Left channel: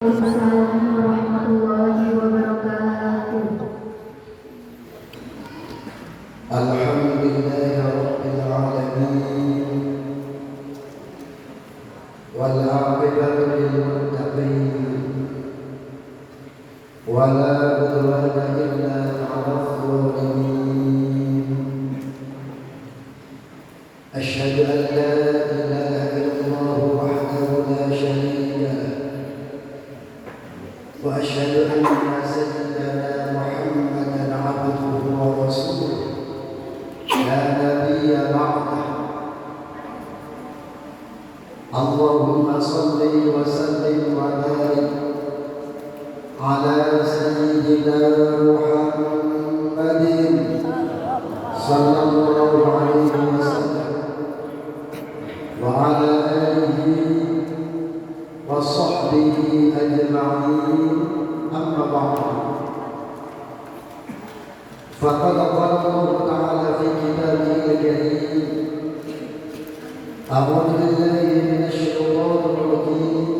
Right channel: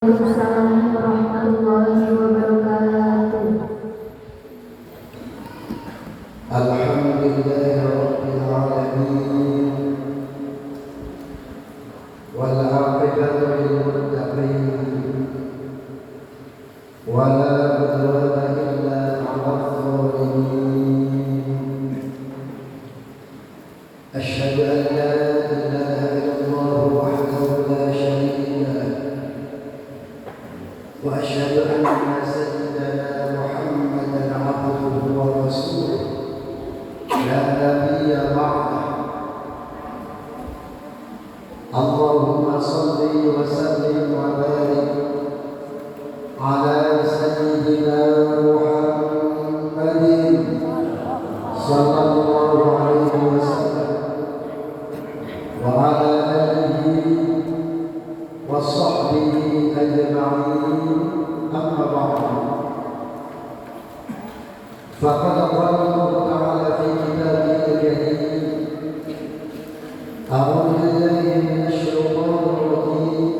Waalaikumsalam warahmatullahi wabarakatuh. Alhamdulillahi rabbil alamin wal 'aqibatu lil muttaqin wa la 'udwana illa 'alal zalimin. Asyhadu an la ilaha illallah wahdahu la syarika lah wa asyhadu anna sayyidana Muhammadan 'abduhu wa rasuluh la nabiyya ba'dah. Allahumma salli wa sallim wa barik ala sayyidina Muhammadin sallallahu alaihi wasallam wa ala alihi wa sahbihi ajma'in. Amma ba'du. Faqad qala Allah ta'ala fi kitabihi al-karim a'udzu billahi minasy syaithanir rajim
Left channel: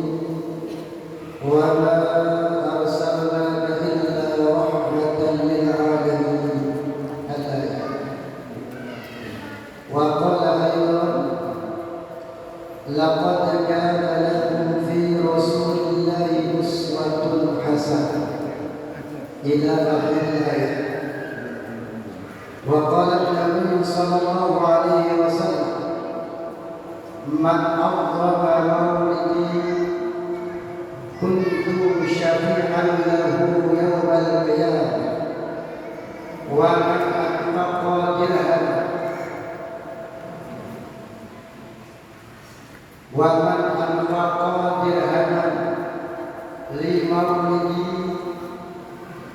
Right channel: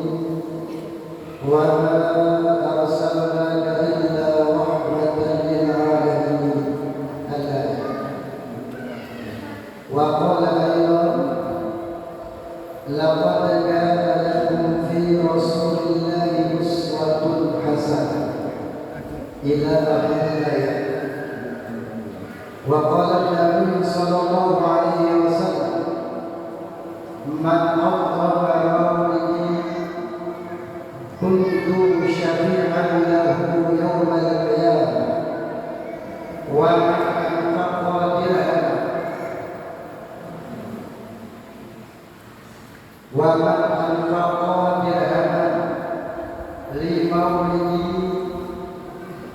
wa ma arsalnaka illa rahmatan lil 'alamin. Al-ayat. Wa qala aydan laqad kana lakum fi rasulillahi uswatun hasanah ila akhir ayat. Wa qala an-nabiy sallallahu alaihi wasallam man 'azzama mawlidi kuntu syafi'an lahu yawmal qiyamah wa man anfaqa dirhaman li mawlidi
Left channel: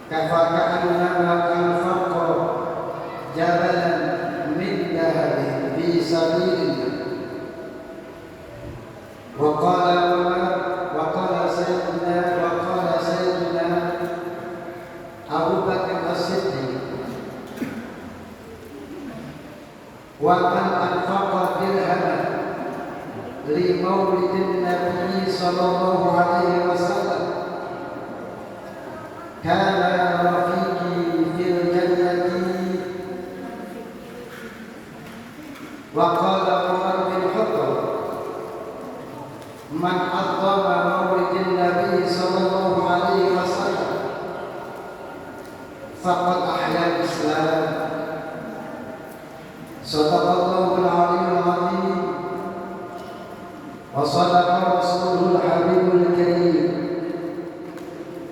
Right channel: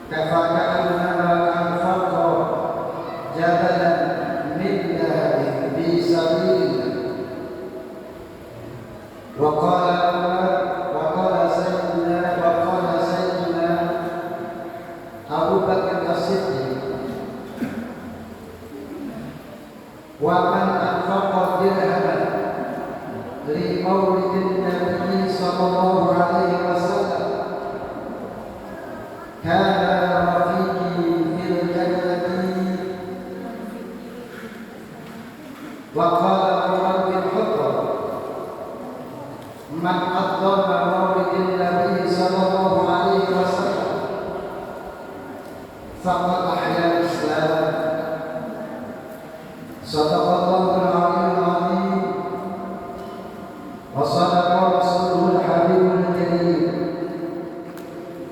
kafa'annama anfaqa jabalan min dhahabin fi sabilillah. Wa qala sayyidina Abu Bakar As-Siddiq wa man anfaqa dirhaman li mawlidin nabi sallallahu alaihi wasallam kana rafiqi fil jannati. Wa qala Umar bin Khattab man 'azzama mawlidin nabi sallallahu alaihi wasallam faqad ahya al-islam. Sadaqallahul 'aliyyul 'azim wa sadaqa rasuluhul habibul karim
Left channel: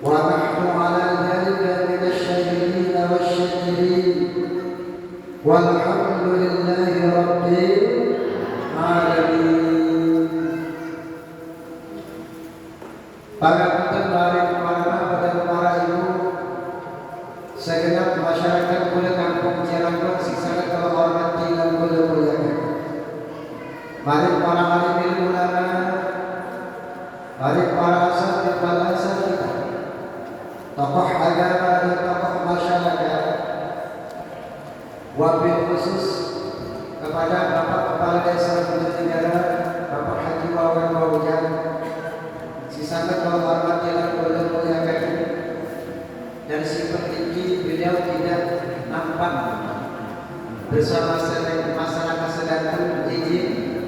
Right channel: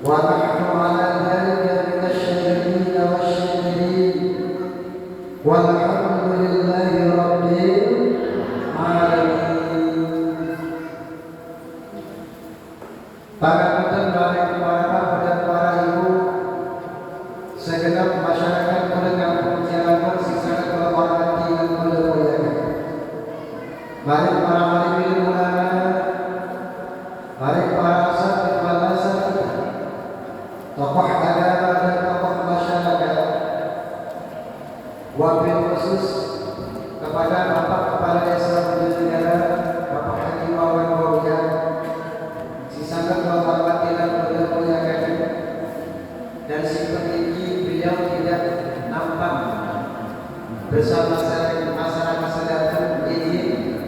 wa nahnu 'ala dhalika minasy syahidin wasy-syakirin walhamdulillahi rabbil alamin. Para pendengar, para bapak dan para ibu, segenap masyarakat Kuala Kampung Cirebon sangat terhormati dan mulia-muliakan. Mari para alim ulama, mari para asatidz wal asatidzah, tokoh agama dan tokoh masyarakat, wabil khusus kepada Bapak Kepala Desa Negara, Bapak Haji Wawan Wawan, si sangat menghormati dan mulia-muliakan, dan seperti beliau tidak nampak bersama masyarakat sedang ingin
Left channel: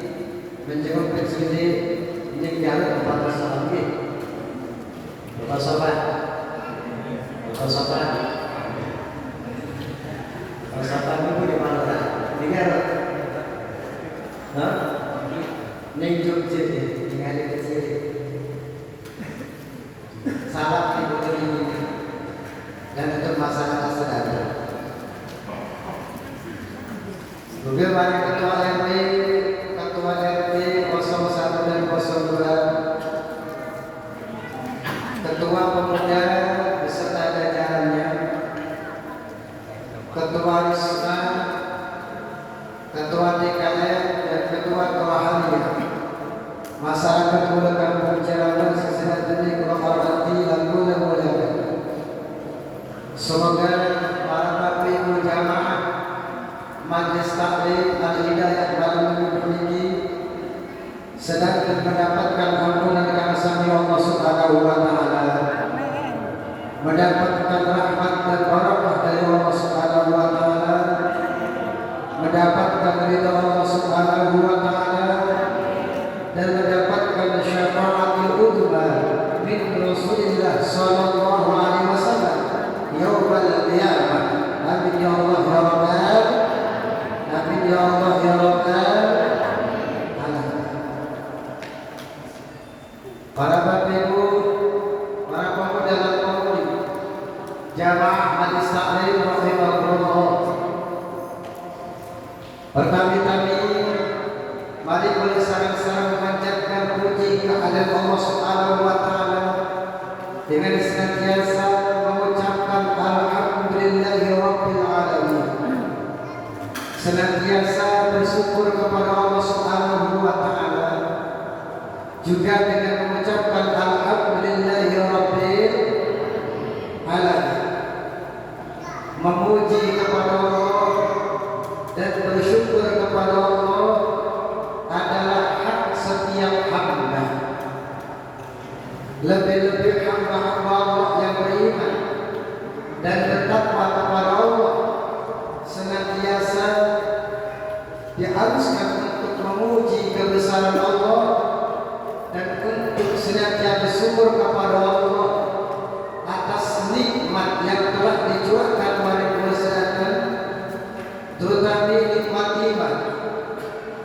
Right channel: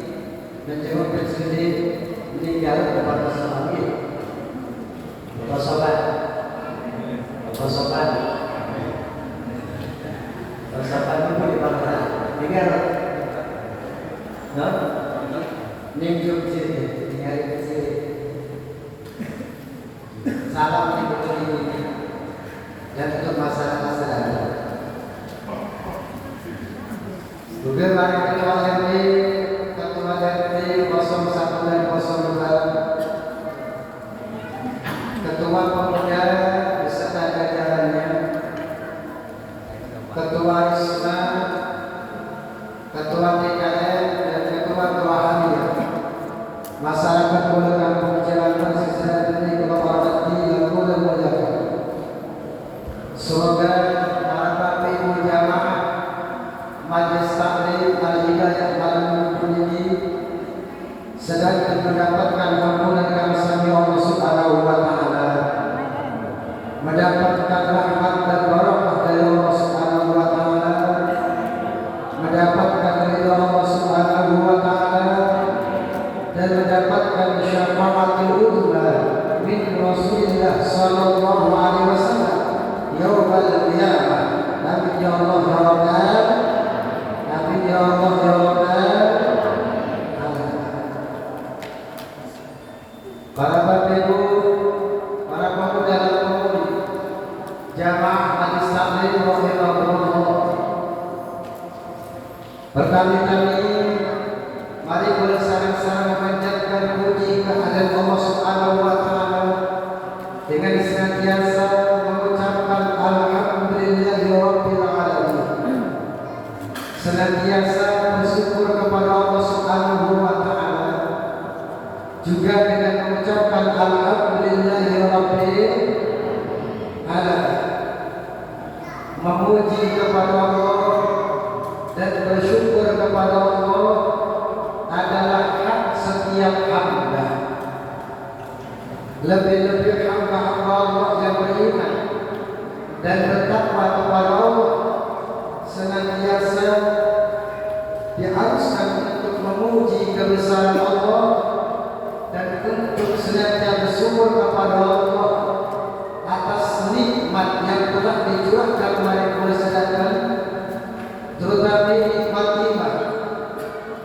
menjenguk presiden meninggal kepada sahabat Bapak Sobat itu di mana? Dengar? Ninjuk sini, tinggal di sini. Salam ibu ini dan untuk masyarakat sedang. Bagaimana ketua RT 01 dan 02, ketua pemuda beserta jajarannya, ketua ISMA, ketua DKM dan ketua kerohanian, masyarakat Kuala Kampung Cirebon secara demi kehormati dan mulia-muliakan. Semoga para bapak ibu jamaah Majelis Taklim Al-Hidayah Malam ini sedang mendapatkan ampunan kasih Allah Subhanahu wa taala. mendapatkan rahmat dan barakah dari Allah Subhanahu wa taala, mendapatkan ridha Allah Subhanahu wa taala, dan mendapatkan syafaatul uzma min Rasulillah sallallahu alaihi wasallam yaumil qiyamah. Amin ya Allah ya Rabbal, amin ya Allah ya Rabbal. Para bapak ibu, para pemuda dan pemudi, jamaah hadis taklim rahimahullah. Pertama-tama mari bersama-sama mengucapkan puji kehadirat Allah Subhanahu wa taala dengan senantiasa mengucapkan alhamdulillahi rabbil alamin. Senantiasa bersyukur kepada Allah Subhanahu wa taala, juga dengan mengucapkan alhamdulillahi rabbil alamin. Memuji kepada Allah dan bersyukur kepada Allah adalah hak setiap hamba. Lebih-lebih hamba-hamba Allah yang beriman dan bertakwa kepada Allah senantiasa diharuskan untuk memuji kebesaran Allah dan untuk senantiasa bersyukur kepada Allah atas nikmat yang telah dicurahkan oleh Rasulullah, terutama nikmat iman,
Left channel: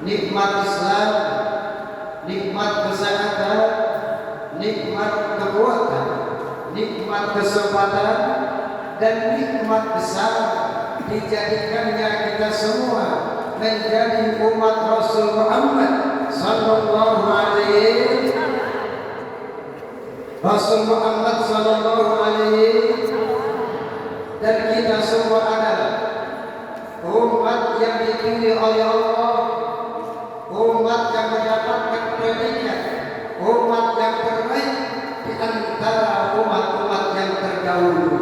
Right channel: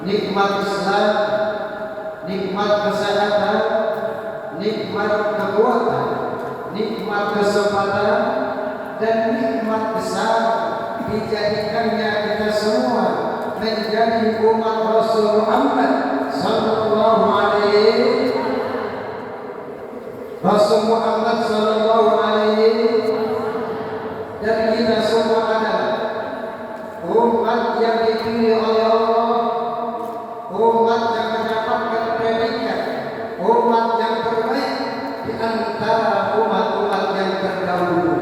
nikmat Islam, nikmat kesehatan, nikmat kekuatan, nikmat kesempatan, dan nikmat besar dijadikannya kita semua menjadi umat Rasul Muhammad sallallahu alaihi dan kita semua adalah umat yang dipilih oleh Allah, umat yang mendapatkan predikat, umat yang terbaik di antara umat-umat yang terdahulu.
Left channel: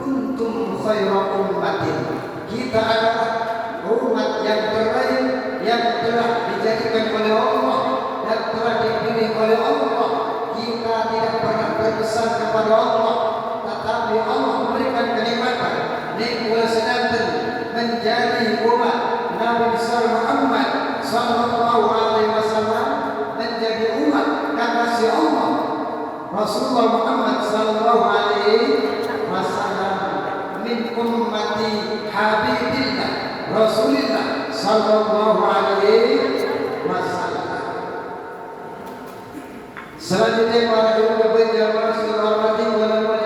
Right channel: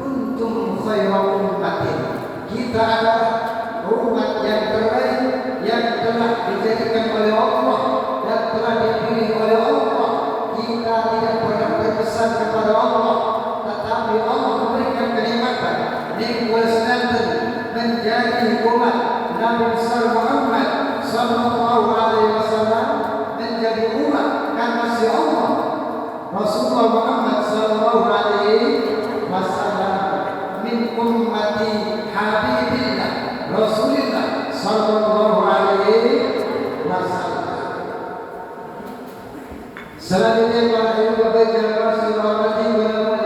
Kuntum khairu ummatin, kita adalah umat yang terbaik yang telah dijadikan oleh Allah dan telah dipilih oleh Allah. Kita tidak pernah berpesan kepada Allah, tetapi Allah memberikan kenikmatan nikmat sedanten menjadi umat Nabi Muhammad sallallahu alaihi wasallam, menjadi umat kekasih Allah Rasulullah Muhammad sallallahu alaihi wasallam, min ummati habibillah Rasulullah sallallahu alaihi wasallam. Selanjutnya para ibu bapak yang Rasulullah SAW,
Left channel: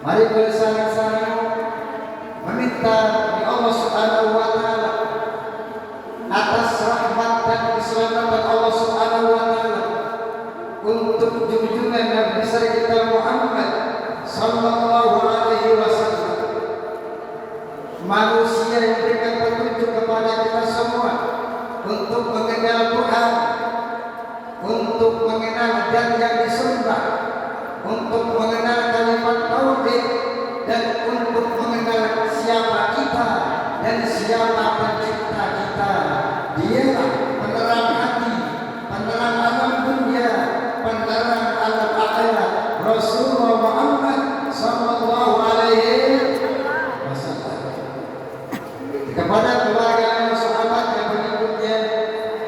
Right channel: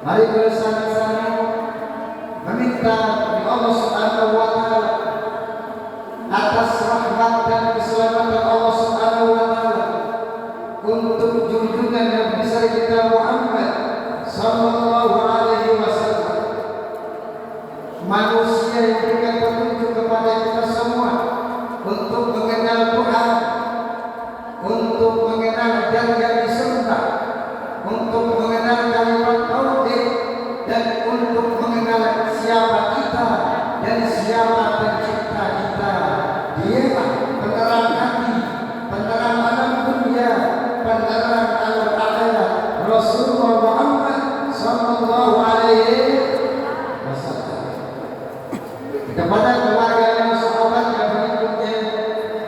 mari bersama-sama meminta Allah Subhanahu wa taala atas rahmat dan keselamatan Allah Subhanahu wa taala untuk junjungan Nabi besar kita Muhammad sallallahu alaihi wasallam, manusia yang berikan petunjuk kepada kita semua untuk mengenal Tuhan, untuk mengenal dan yang disembah, untuk mengenal kalimat tauhid, dan untuk mengenal siapa kita dan siapa pencipta kita. Dialah penerang hati, penerang alam dunia, penerang alam akhirat, Rasulullah Muhammad sallallahu alaihi wasallam. Kepada keluarga dan sahabat yang berikutnya,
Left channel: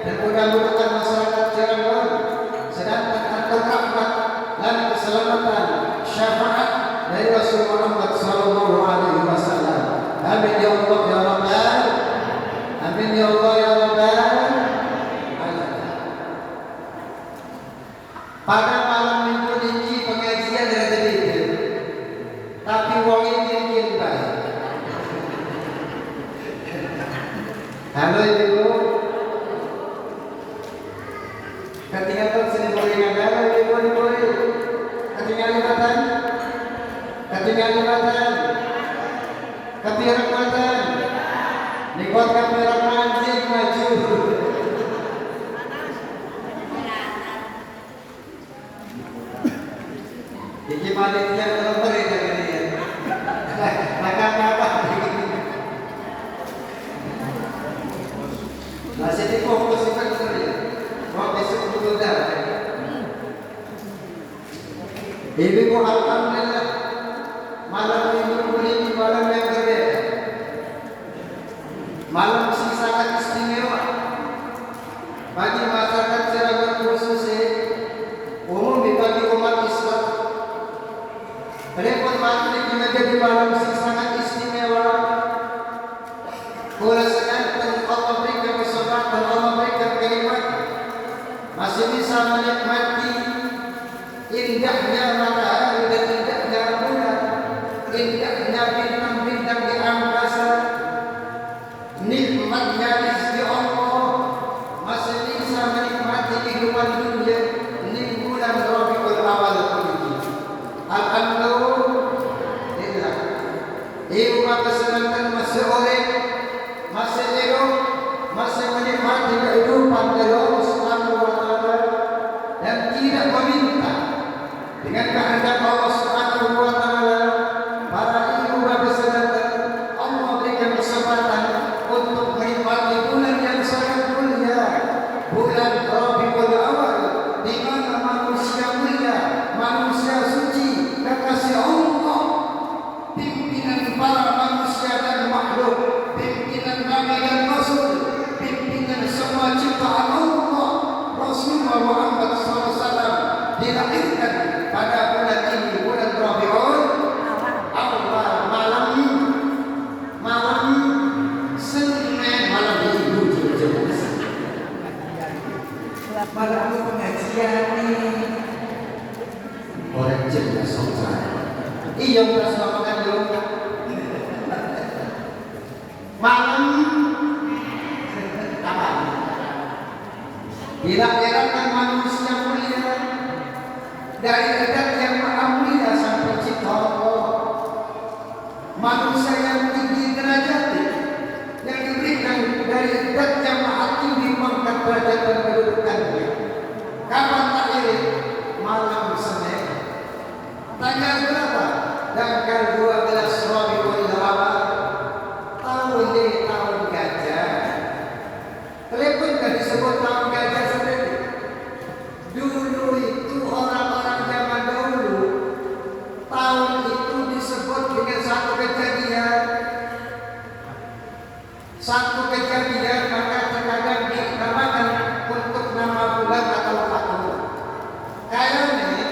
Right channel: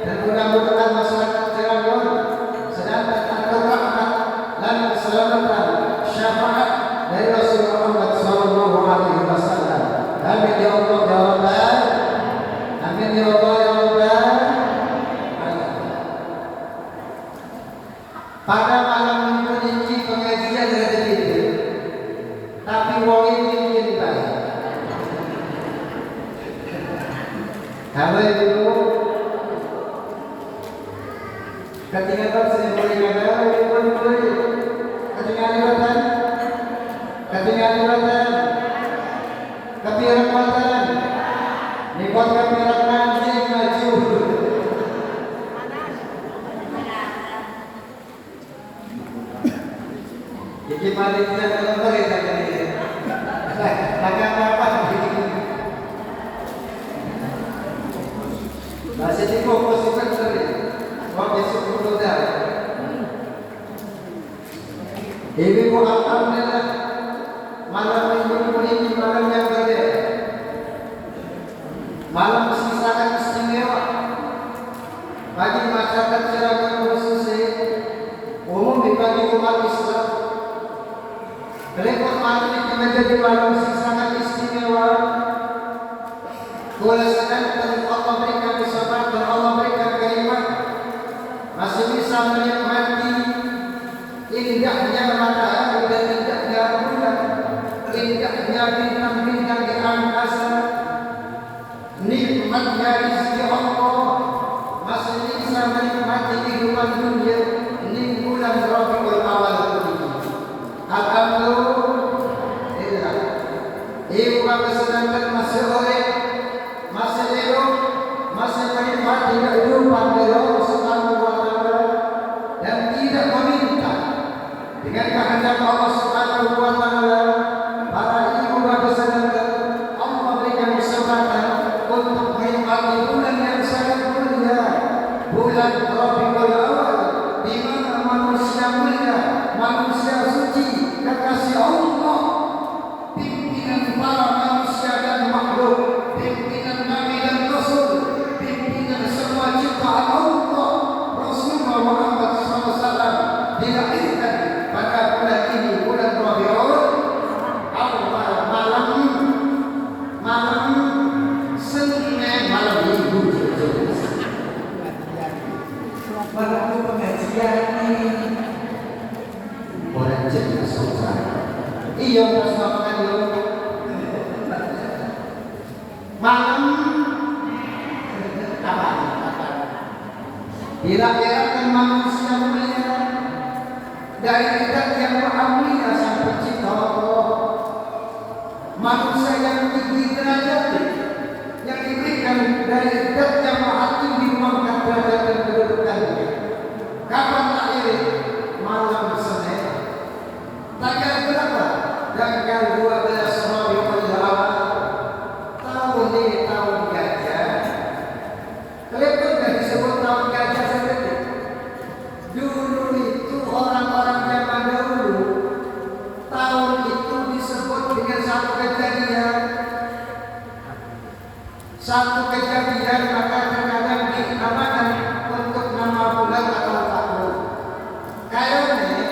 dan mudah-mudahan masyarakat Cirebon sedangkan antara rahmat dan keselamatan syafaat dari Rasul Muhammad sallallahu alaihi wasallam. Amin ya Allah ya Rabbal, amin ya Allah ya Rabbal. Pada malam minggu ini pengajian dari itu, tapi wong ini kita. Halo ibu, ketinggalan sering beringat ibu, ketinggalan kepirakatan, nikmat kepirakatan sing maju. Iki maliknya kalau mereka ini, maka apa begini? Masih di fokus sekali, waktu sebelum dah. Ibu alhamdulillah malam ini malam yang berbeda, malam sangat istimewa bagi masyarakat Cirebon khususnya umum bagi umat Islam. Berikut malam ini menjadi malam sangat istimewa. Kuasakan Allah berikan kesempatan, Allah berikan kalimat masih bisa menikmati indahnya matahari dan indahnya bulan, indahnya bintang-bintang di angkasa, nikmatnya rezeki Allah, masih bisa menikmati kehidupan dunia di bulan Rabiul Awal ini. Alhamdulillah. Ibu bapak sedangkan masih oleh, masih hidup, masih menikmati kehidupan dari Allah Subhanahu wa Ta'ala dan tidak meminta dengan kehendak Allah Subhanahu wa Ta'ala. Para ibu bapak sedangkan Allah berikan kesempatan untuk menikmati bulan yang sangat mulia, bulan Rabiul Awal, di mana manusia mulia, manusia suci, kekasih Allah, pimpinan para manusia dan makhluk, pimpinan Nabi dan Rasul, pimpinan semua ciptaan Allah, Rasulullah Muhammad SAW dilahirkan pada bulan ini, bulan Rabiul Awal, malam Senin, malam Minggu, malam pengajian ini orang jadi songsan. Iya udah semakan dulu. Malam apa? Dilahirkan manusia mulia dari zat yang maha mulia sampai cipta Allah. Manusia yang tinggi derajat yang diberikan dari zat yang maha tinggi mengangkat derajat dan kedudukannya. Kapan lahir? Malam Senin. Tanggal berapa? Tanggal 12 Rabiul Awal. Tahun ini tahun gajah. Telepon dan disebut tahun gajah sendiri. Dulu itu orang-orang zaman dahulu, tahun itu disebut dengan satu kejadian. Satu kejadian maka terkadang dinamakan untuk nama bulan atau tahun. Kayaknya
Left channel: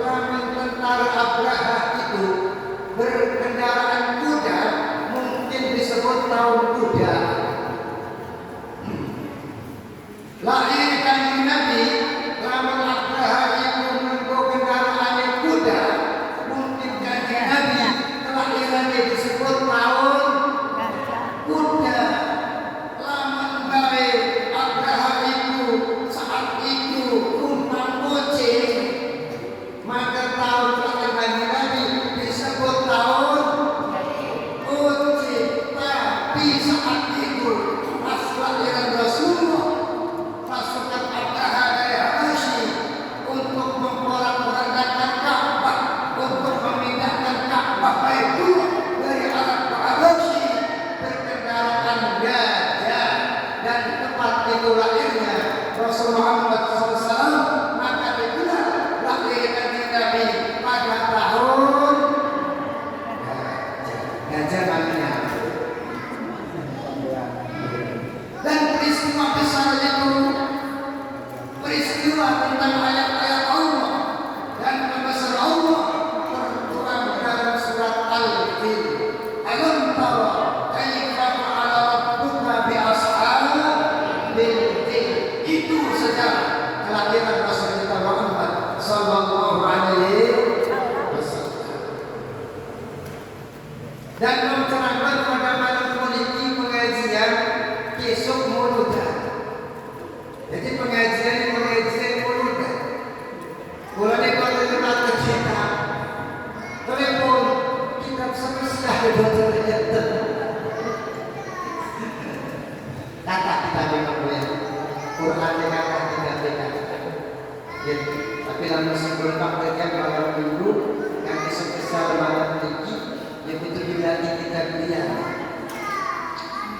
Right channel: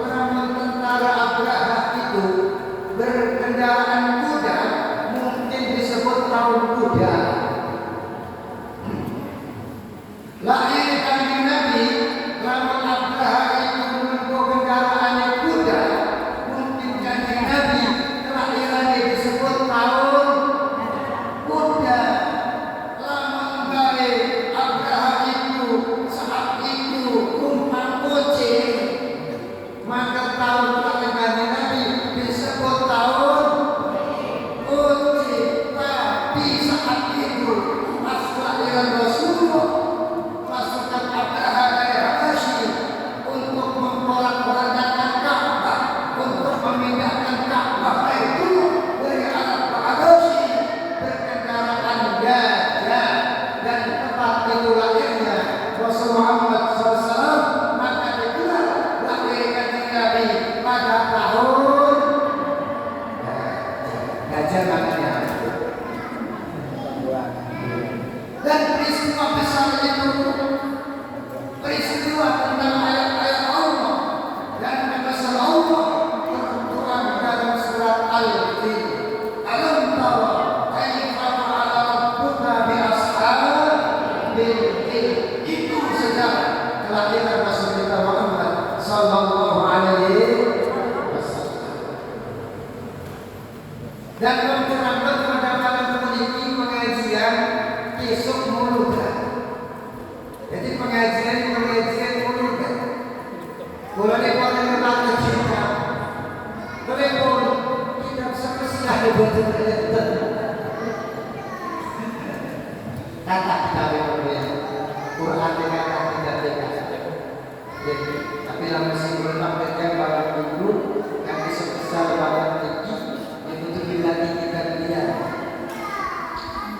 lama tentara Abraha itu berkendaraan kuda, mungkin disebut tahun kuda. Lahir kanjeng Nabi, lama Abraha itu membawa kendaraannya kuda, mungkin kanjeng Nabi kelahirannya disebut tahun kuda. Lama baik Abraha itu saat itu rumpang kucing, maka tahun kelahiran Nabi disebut tahun kucing. Tapi saat itu pas kelahiran Rasulullah, pasukan Abraha dari Habasyi untuk memporak-porandakan Ka'bah, untuk memindahkan Ka'bah itu dari Arab ke Habasyi berkendaraan gajah, dan tempat itu lahirnya Rasulullah Muhammad SAW. Maka digelar lahirkan Nabi pada tahun gajah namanya. Dan peristiwa besar itu peristiwa tentang ayat-ayat Allah dan membesar Allah tertuang dalam surat Al-Fil. Alam tara kaifa fa'ala rabbuka bi ashabil fil. Itu sejarah kelahiran Rasulullah Muhammad sallallahu alaihi wasallam. Dan mencerahkan pada malam memiliki pengajian besok muludah. Jadi pengajian muludah. Kalau kita tercinta, telepon kita bisa betul kakak kita memang ya. Quran dengan tidak dekat. Tapi namun sebelum praktekkan malam minggu yang besar malam tinggi, yang betul lagi kita diam.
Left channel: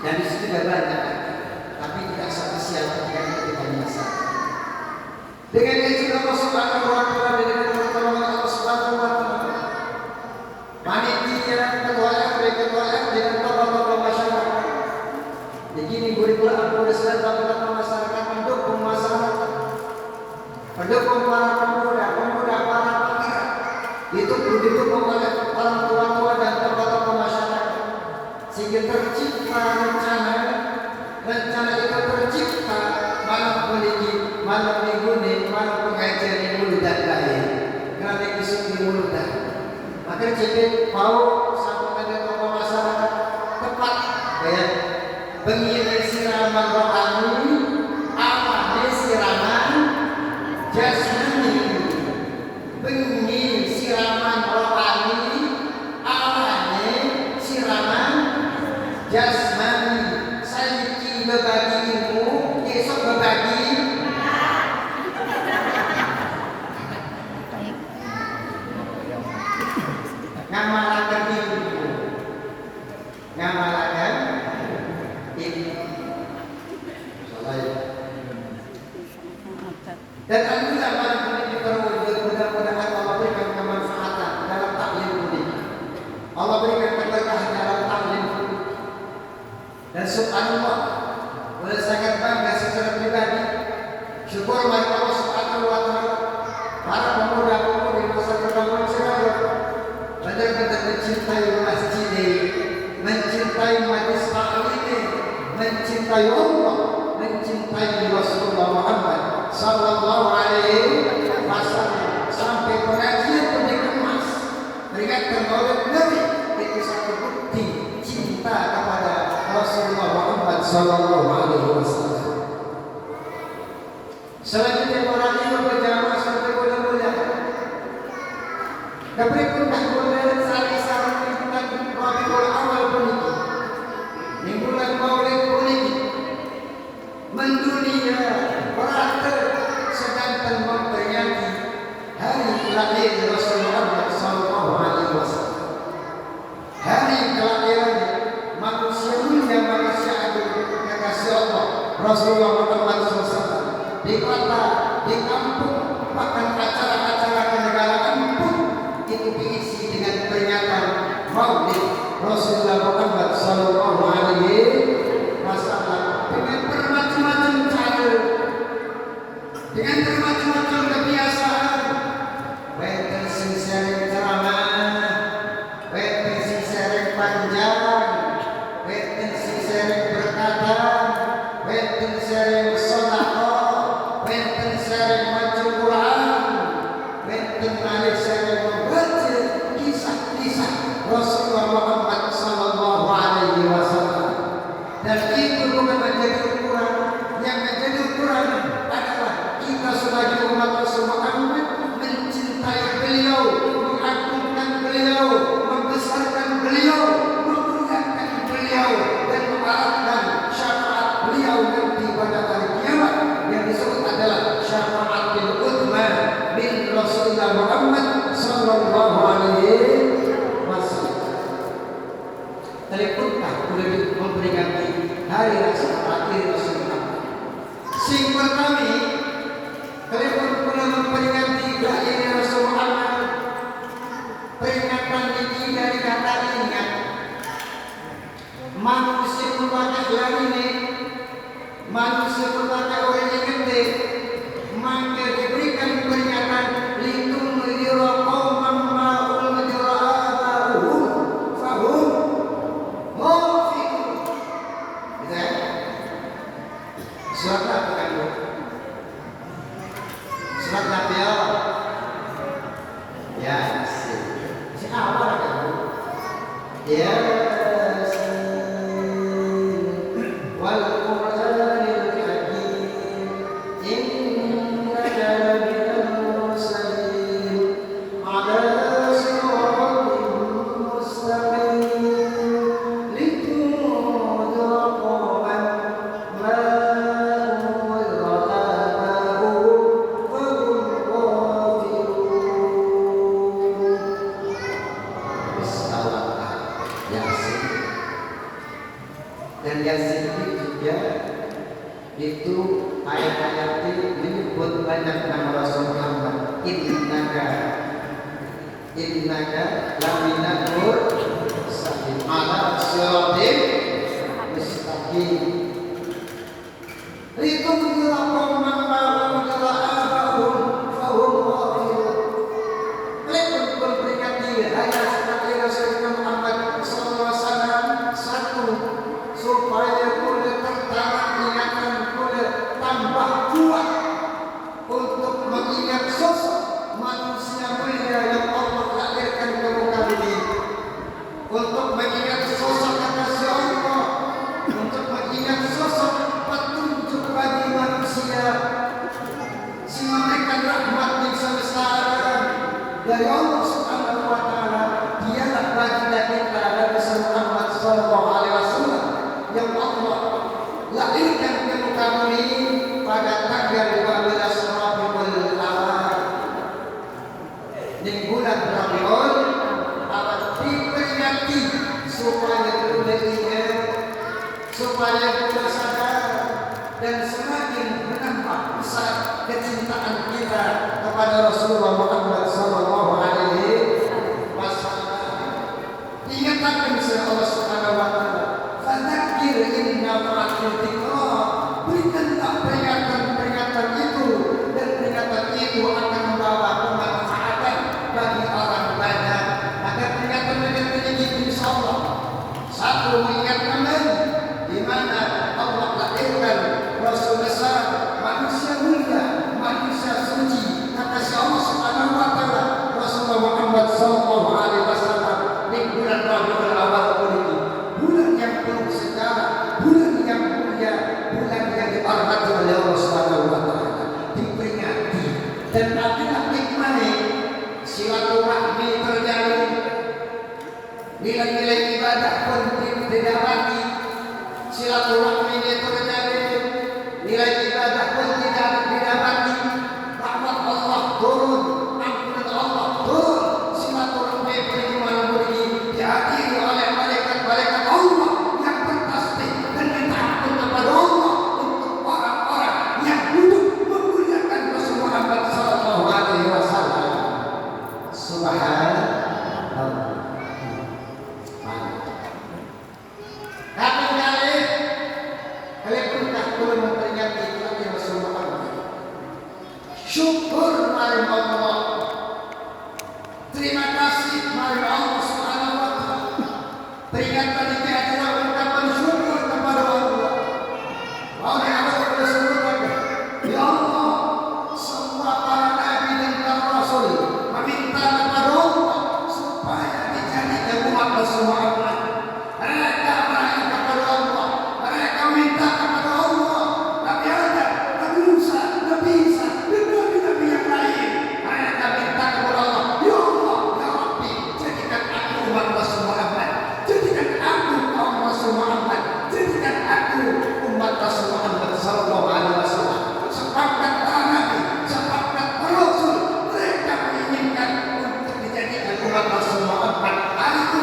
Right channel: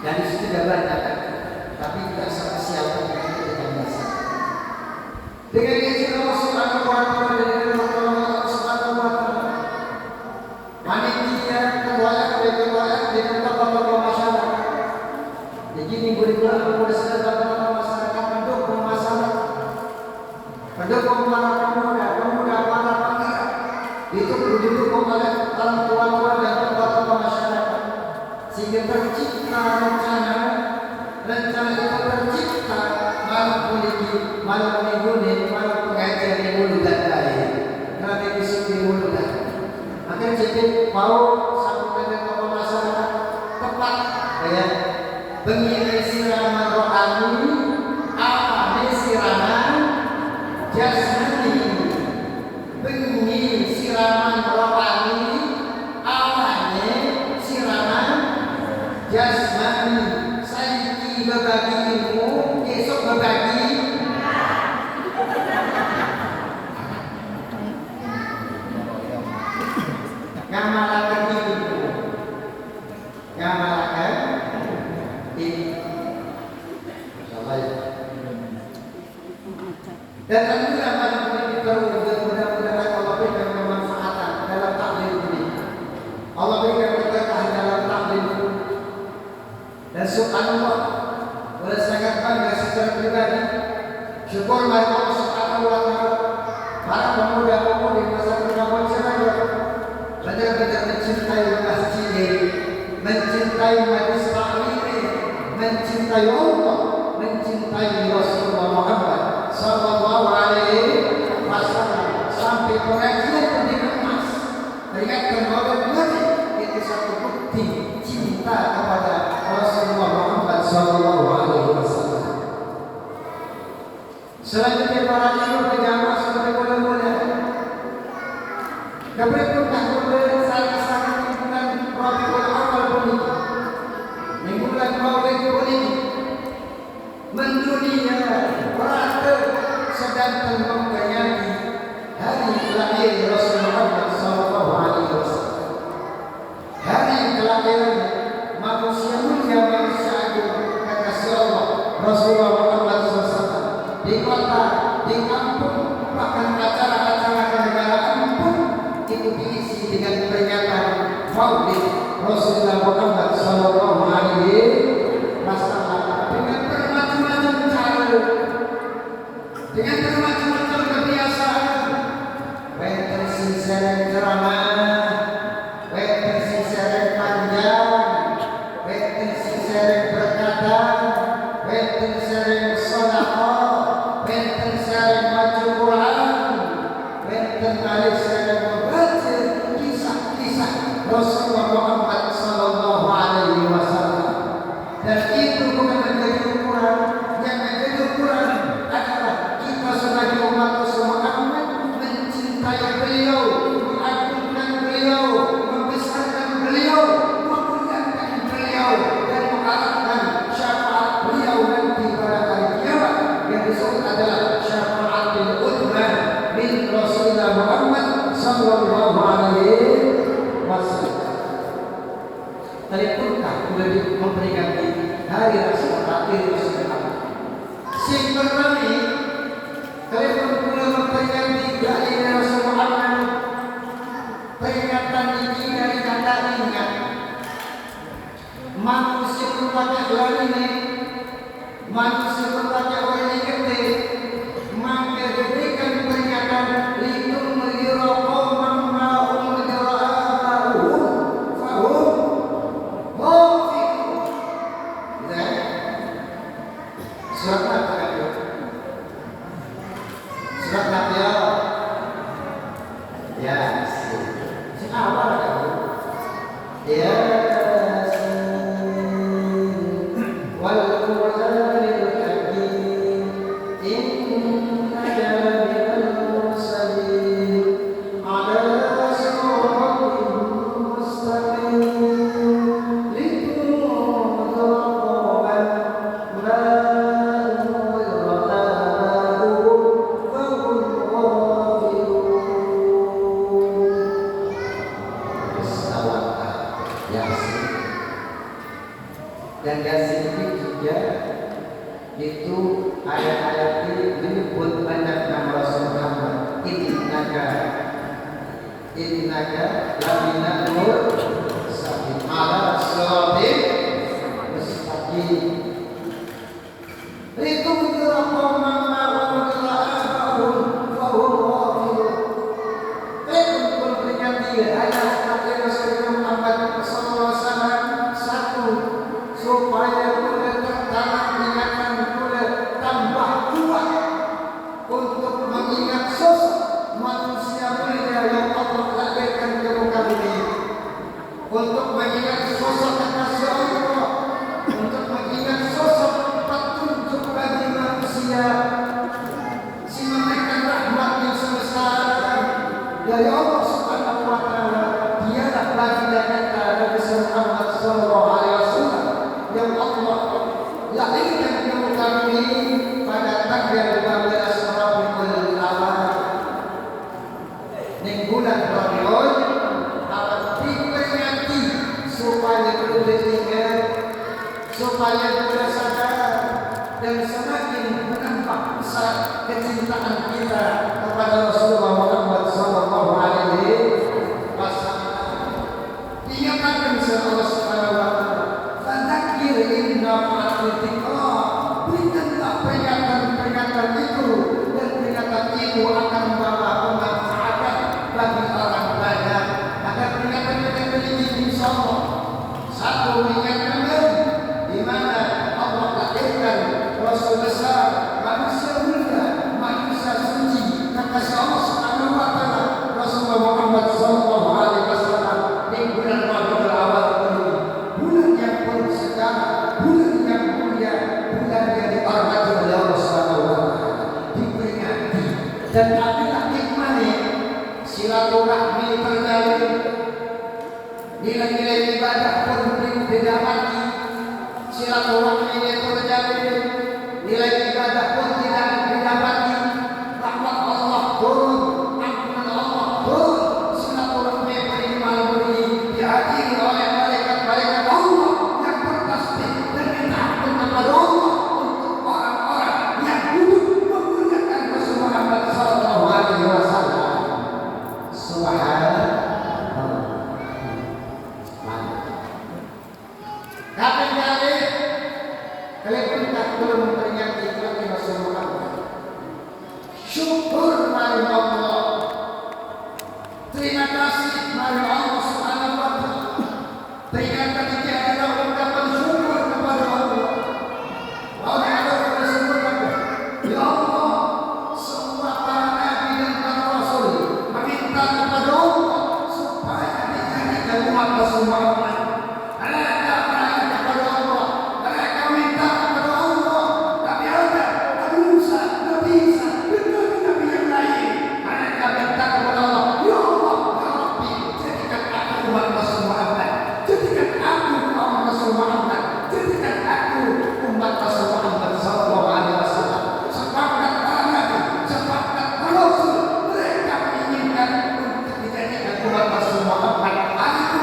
Dan di situ tidak banyak, tapi tidak spesial ketika kita biasa. Dengan izin Allah Subhanahu wa Ta'ala dan dengan pertolongan Allah Subhanahu malam minggu nih, malam pengajian di Muludan kali. Karena di sini Muludan. Maka jadi mau sampai ke tokoh masyarakat tepat, ya. Bengi siraman rohani, apa siraman jasmani. Bengi siraman rohani, awalnya siraman jasmani. Saiki berbagi ilmu, esok berbagi ngamalakan ilmu, ngamalakan ilmu. Dan alhamdulillah malam ini terwujud, mudah-mudahan Allah berikan kemanfaatan dalam taklim ini. Allah berikan keberkahan dalam taklim. Dan subhanallah, boleh sangat bangga secara pribadi. Syukur Allah subhanahu wa ta'ala. Para pemuda-pemudi masa pertama saya benar-benar mencintai masjid ini, mencintai majelis taklim ini, mencintai Allah, mencintai Rasulullah Muhammad sallallahu alaihi wasallam. Sampai pengajian pun dikemas, peringatkan oleh Nabi, itu satu bukti cinta kepada Rasulullah Muhammad sallallahu alaihi wasallam. Selanjutnya para imam berjamaah seperti mulia-mulia. Berikut bulan Salisar bulan Rabiul Awal bunyi. Bulan Maulid bunyi. Mendunia berada sedangkan memperingati hari kelahiran Rasulullah Muhammad sallallahu alaihi wasallam. Hari kelahiran manusia mulia, manusia agung, kekasih Allah Rasulullah Muhammad SAW. Di kota, di kampung, bahkan acara-acara kenegaraan pun itu diisi dengan peringatan Maulid Rasulullah Muhammad sallallahu alaihi wasallam dengan bermacam-macam cara, dengan bermacam-macam kebiasaan. Wenten sing sereng ceramah, wenten sing sereng panjang, wenten sing sereng berkata, wenten sereng sedekah, wenten sereng maca Quran, wenten malih sereng membaca kisah-kisah Rasulullah Muhammad sallallahu alaihi wasallam. Dan itu bukan menjadi ukuran. Yang menjadi ukuran adalah kita sebagai umat Rasul Muhammad mencintai beliau, mengagungkan beliau, membesarkan beliau, memuliakan beliau, dan mengharapkan syafaat beliau nanti pada hari kiamat yang disebut adalah syafaatul uzma min Rasulullah Muhammad sallallahu alaihi wasallam. Teleponkah boleh memberikan hari rasa akhir Rasulullah. Sing pertama, telepon pula memperingati kelahiran Rasulullah Muhammad. Peringatan ini dari kata ingat. Manusia berbagai lainnya, manusia berbagai orang yang gede, maka diberikan peringatan litung melirokau mammaum menjera'ahum fahum mufiqun. Surat apa kan? Surat apa ya? Ya, si awal kan? Ya. Dan Yasin ini juga itu ayat-ayat ini menyebut banyak nama Rasul Muhammad. Innaka lamina mursalin ala siratin mustaqim. Itu menjelaskan mana menjelaskan bahwa memperingati ayat kelahiran Rasulullah Muhammad sallallahu alaihi wasallam. Satu, supaya boleh tertanam ingatan, boleh tambah kuat dari Allah Subhanahu wa taala. Dialah baginda kita Nabi Muhammad sallallahu alaihi wasallam yang Allah lahirkan ke muka bumi pada tanggal 15 Rabiul Awal ning bulan Rabiul Awal, diperingati supaya kita ingat, supaya kita sadar dan semakin menambah besar kecintaan kita kepada Rasulullah Muhammad sallallahu alaihi wasallam. Dinyatakan oleh Allah Subhanahu wa taala, "Fadzakir in nafa'ati dzikra." Berikanlah peringatan-peringatan itu, dan peringatan itu akan membawa kemanfaatan bagi orang banyak. Maka peringatan-peringatan ini insyaallah satu mengingatkan di mana Allah lahirkan Rasul besar, manusia mulia, manusia suci, kata Allah Subhanahu wa taala, Rasulullah Muhammad sallallahu alaihi wasallam di bulan Rabiul Awal ini, bulan yang penuh sejarah, bulan yang mulia, bulan yang dihormati oleh Allah Subhanahu wa taala, diperingati dan adalah hikmahnya silaturahmi terjalin, nilai-nilai ibadah pun didapati, silaturahmi terjalin, nilai ibadah pun tidak didapati, rahmat Allah turun, ampunan Allah turun, silaturahmi beriman ini dihadiri oleh malaikat-malaikat Allah yang bertasbih dan minta ampun kepada Allah untuk orang-orang yang duduk memuliakan Rasul Muhammad sallallahu alaihi wasallam. Subhanallah. Tapi kalian pernah belum memperingati Nabi Rasul Muhammad? Syukur mari Allah. Terima kasih mari Allah Subhanahu wa taala. Peringatan ini adalah ungkapan syukur kepada Allah. Oleh Allah Rasulullah, ya Allah, semua para nabi dan para rasul meminta kepada Allah supaya dijadikan umat Rasul Muhammad. Mereka berdoa kepada Allah, mereka minta kepada Allah. Tapi ada Nabi Musa, Nabi Isa, dan nabi-nabi yang lain. Mereka minta kepada Allah, ya Allah, ya Rabbi, jadikan aku umat Rasul Muhammad, jadikan aku kaum Rasul Muhammad, jadikan aku umat Rasul Muhammad sallallahu alaihi wasallam. Sepakat para nabi, sepakat para rasul, mereka menginginkan untuk dijadikan umat Rasul Muhammad. Hari itu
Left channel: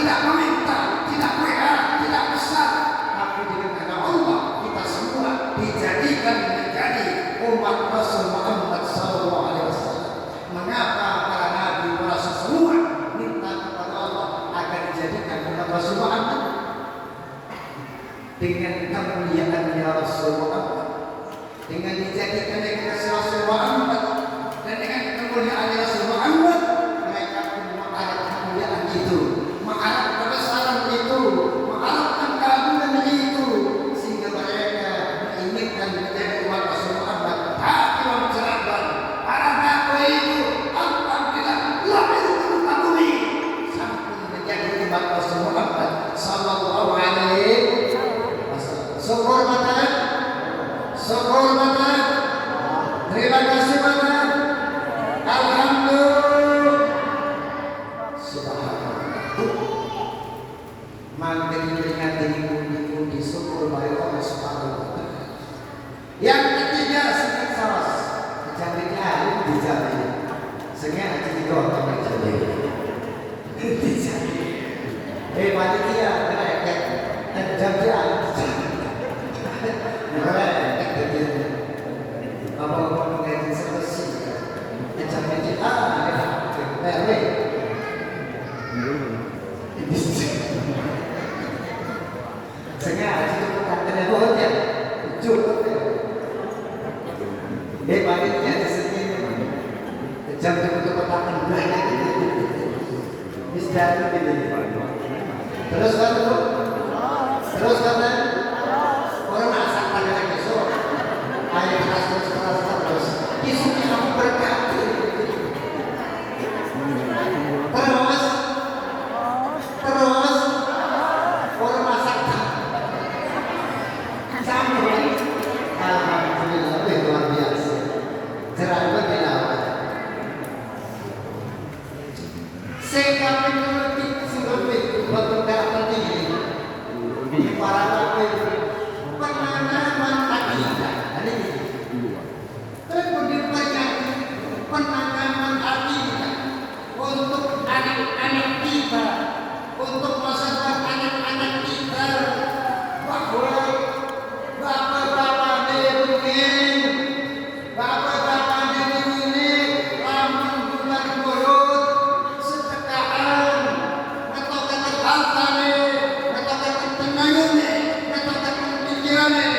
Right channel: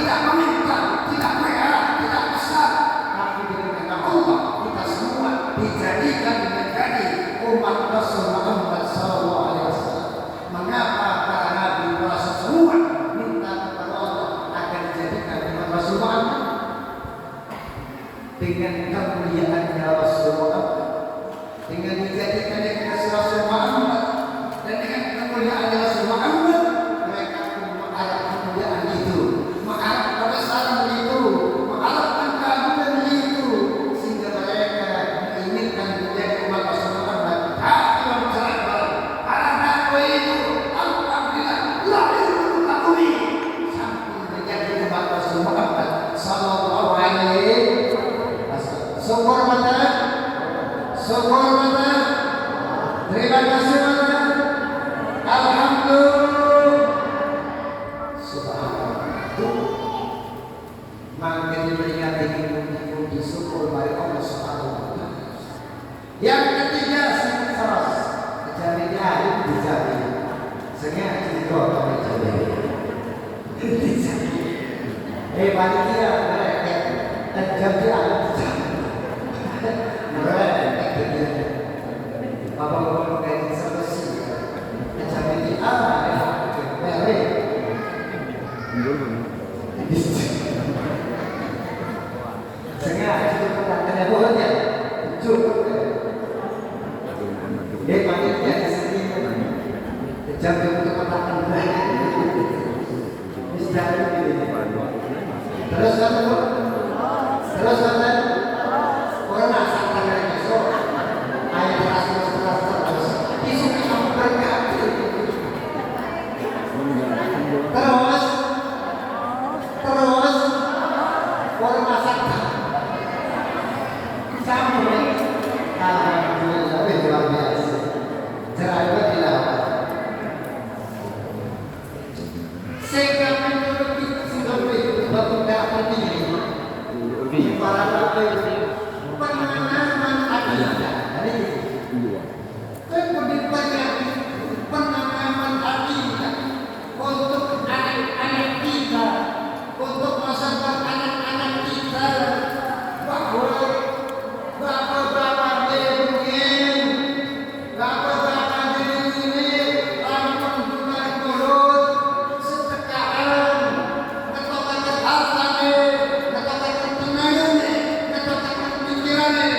tidak meminta, tidak WA, tidak pesan, tapi dengan nama Allah kita semua dijadikan menjadi umat Rasul Muhammad sallallahu alaihi wasallam. Mengapa para nabi, para rasul semua minta kepada Allah agar dijadikan umat Rasul Muhammad? Dengan kemuliaannya Rasul Muhammad, dengan dijadikannya kekasih Rasul Muhammad, dan dengan kemuliaan Rasul Muhammad, mereka pun mengharap kemuliaan itu, mengharap kebesaran itu, mengharapkan keagungan itu, sehingga mereka menginginkan menjadi umat Rasul Muhammad. Tapi mencerahkan para nabi itu, alhamdulillah lahir mengetahui sampai menjadi umat Rasul Muhammad sallallahu alaihi wasallam. Syukur mana? Syukur mana? Terima kasih mana? Alhamdulillah. Subhanallah. Maka diperingati puji syukur bagi Allah Subhanahu wa taala. Yang ketiga, sangat saras. Kejaminnya itu dijamin. Sengaja juga dijamin. Dijamin. Panitia mereka dan jamiah dijamin. Mereka dia. Bapak-bapak kayak selesai. Kejamin baik. Sengaja kita ada buat ya. Cukup. Panitia di sini. Kejamin untuk makan banyak. Misalnya begini. Terus kan orang masak pada besok ayam kasih terus isunya kamu berkati terus orang masak sambung alhamdulillah luar biasa cerah tidak untuk masa depan anak-anak kita. Bahwa bapak-bapak mungkin, bapak-bapak ini lamun bukan mulut setekaan, atau kata altane, atau kata tenangane, atau kata pikirannya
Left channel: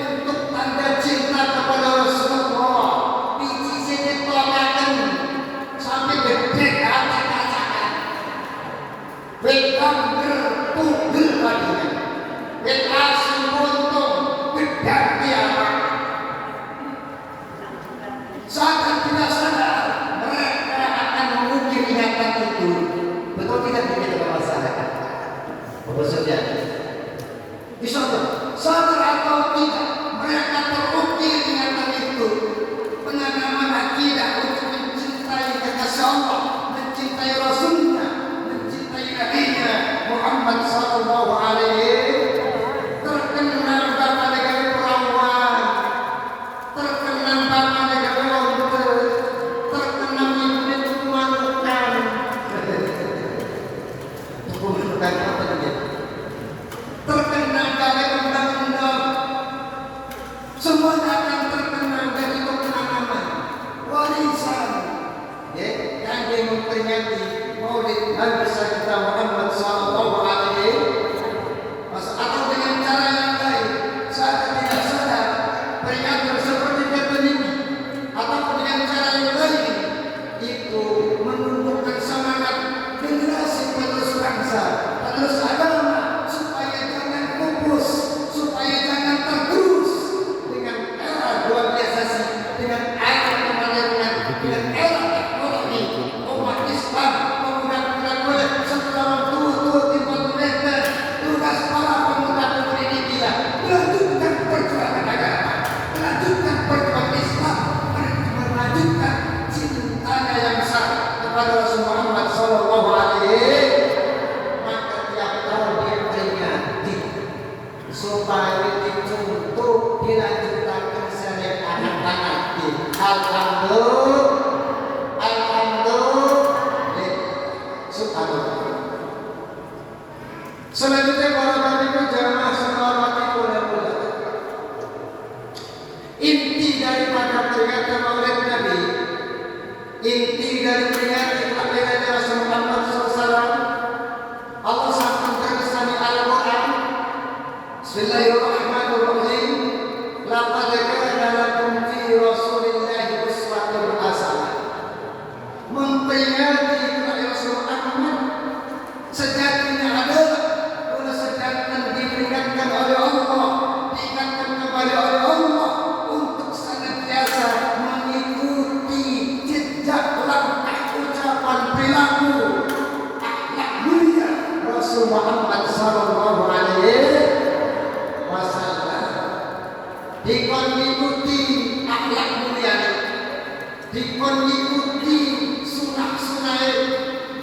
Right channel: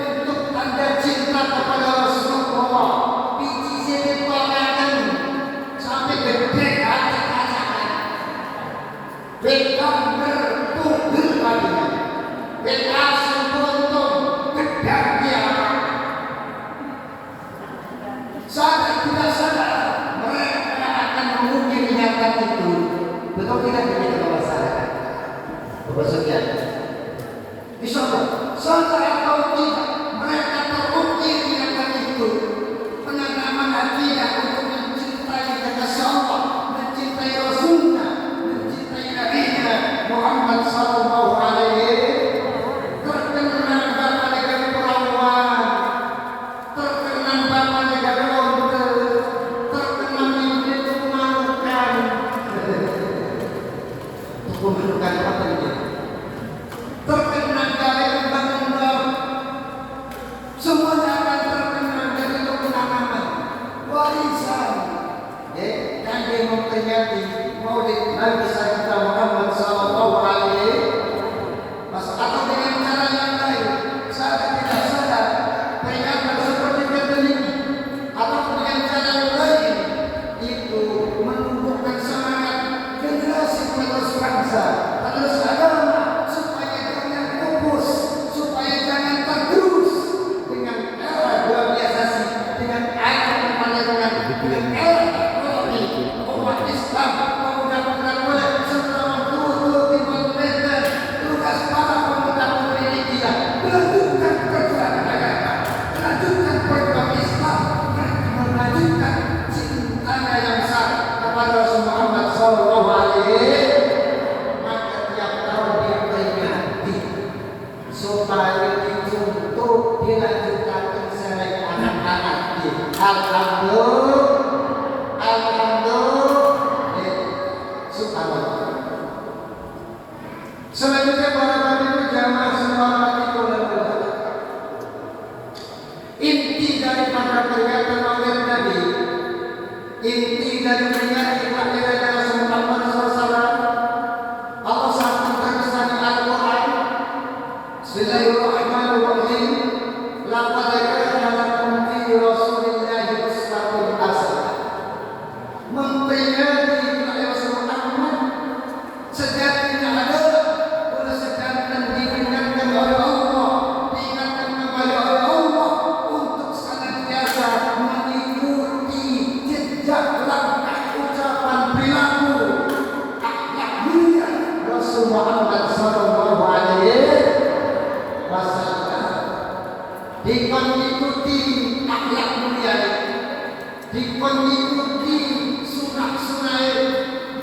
untuk tanda cinta kepada Rasulullah. Biji sedikit tolakan sampai gede hati kacakan. Bekam bertugel baginya. Bekasih untung gedang kiamat. Sadar tidak sadar mereka akan mengukir ingatan itu. Betul tidak begitu masyarakat? Maksudnya, insyaallah sadar atau tidak mereka terukir ingatan itu. Pengalaman tidak untuk mencintai kekasih Allah, mencintai Rasulnya, mencintai Nabi Muhammad sallallahu alaihi. Terkenal bapak negara perawan, terkenal bapak negara lontar, terkenal ibu tumanukan. Tumanukan apa dia? Terkenal dari undang-undang. Semua akan terkenal dari pengalaman warisan. Ya, yang memperingati Maulid Nabi kita Muhammad sallallahu alaihi. Atau dengan cara yang lain, saya tidak sadar peringatan seperti ini, atau dengan cara yang lain itu menumbuhkan semangat generasi penerus bangsa, penerus agama, supaya jangan pupus, supaya jangan tergerus dengan era globalisasi, dengan era kemajuan, dengan era teknologi. Umat Islam pemuda-pemuda boleh setelah turut-turut di parlementer, tugas para pemuda pendidikan melanjutkan perjuangan agama, melanjutkan perjuangan Islam, melanjutkan cintanya yang sah kepada Rasul Muhammad sallallahu alaihi. Maka tiap tahun dia peringati supaya dicontoh dilanjutkan sampai anak-anak kita. Alhamdulillah, subhanallah. Selanjutnya para hadirin jamaah sekalian dan ulama. Inti daripada peringatan Maulid Nabi, inti dari peringatan Maulid Rasul Muhammad SAW, Allah sangat terkesan di Al-Quran. Bismillahirrahmanirrahim. Laqad kana lakum fi Rasulillahi uswatun hasanah. Memperingati Rasul Muhammad sejatinya adalah sedangkan diperingatkan oleh Allah, diingatkan kepada oleh Allah untuk senantiasa mengikuti jejak langkah ucapan perilaku akhlak mulia Rasul Muhammad sallallahu alaihi wasallam. Dikon ikuti akhlak mulia, dikon ikuti sunah-sunah,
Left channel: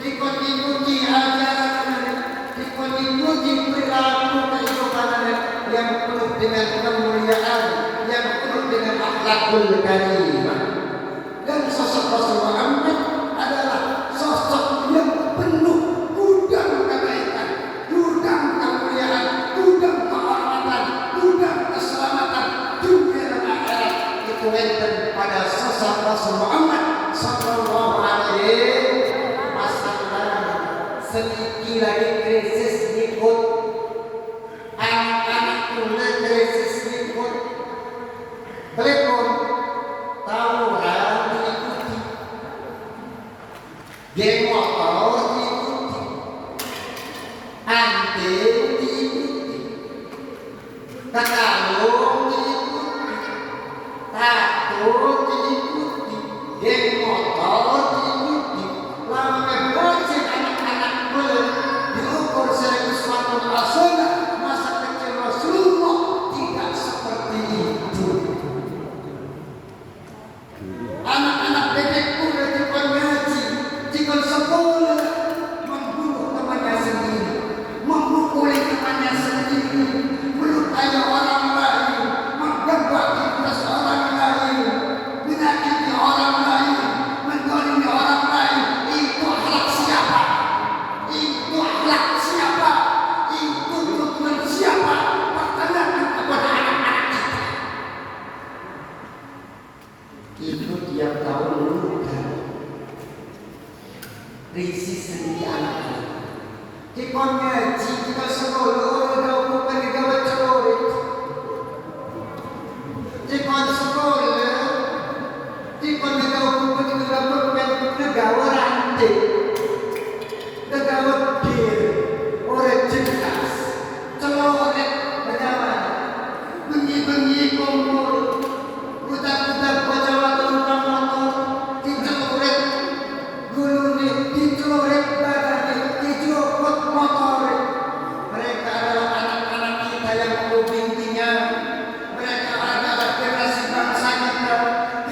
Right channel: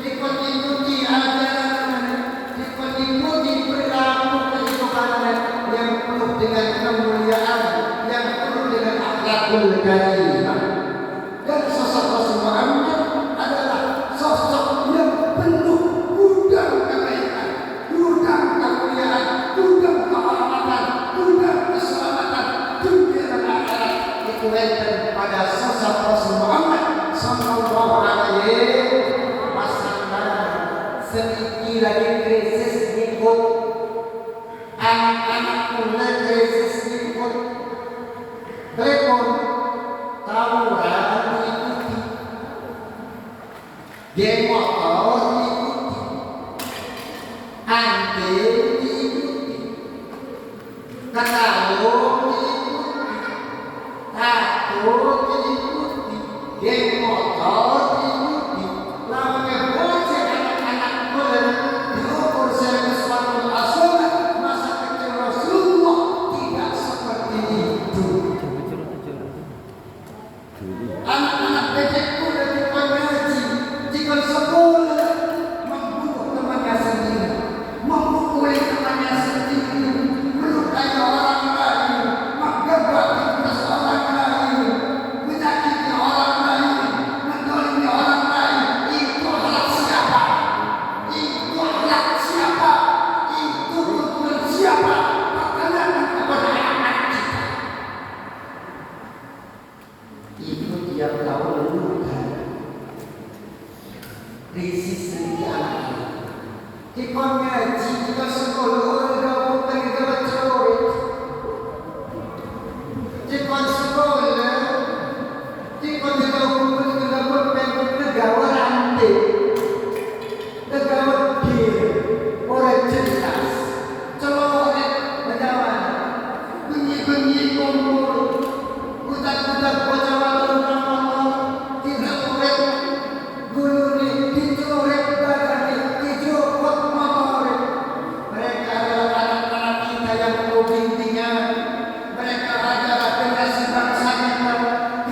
dikon ikuti ajaran, dikon ikuti perilaku kehidupan yang penuh dengan kemuliaan, yang penuh dengan akhlakul karimah. Dan sosok Rasul Muhammad adalah sosok yang penuh gudang kebaikan, gudang kemuliaan, gudang kehormatan, gudang keselamatan dunia dan akhirat. Itu enten pada sosok Rasul Muhammad sallallahu alaihi wasallam. Sedikit lagi krisis ikut anak-anak mulai krisis ikut telepon tawuran diikuti, geng motor diikuti, ante diikuti, takalung diikuti, tato diikuti, geng motor diikuti. Lama bocah anak-anak mulai diukur sebagai suatu asal masa kecil Rasulullah tidak seperti itu. Anak-anak bebek udah dikon ngaji, dikon sekolah, membunuh temannya sendiri, memukuli temannya sendiri, melukai orang Risi sendiri anak. Kita ngaji, kita sekolah, orang bukan kita curi. Kita sekolah, kita bukan kita bukan negara rantai, negara kir, orang jelas. Celok bagaimana? Bengi-bengi kumpul, putar-putar baca waktu orang-orang, tidak boleh gulung dicorek badannya, dicopot motor. Mereka adalah anak-anak kita yang berbimbingan. Mereka adalah generasi bangsa kita,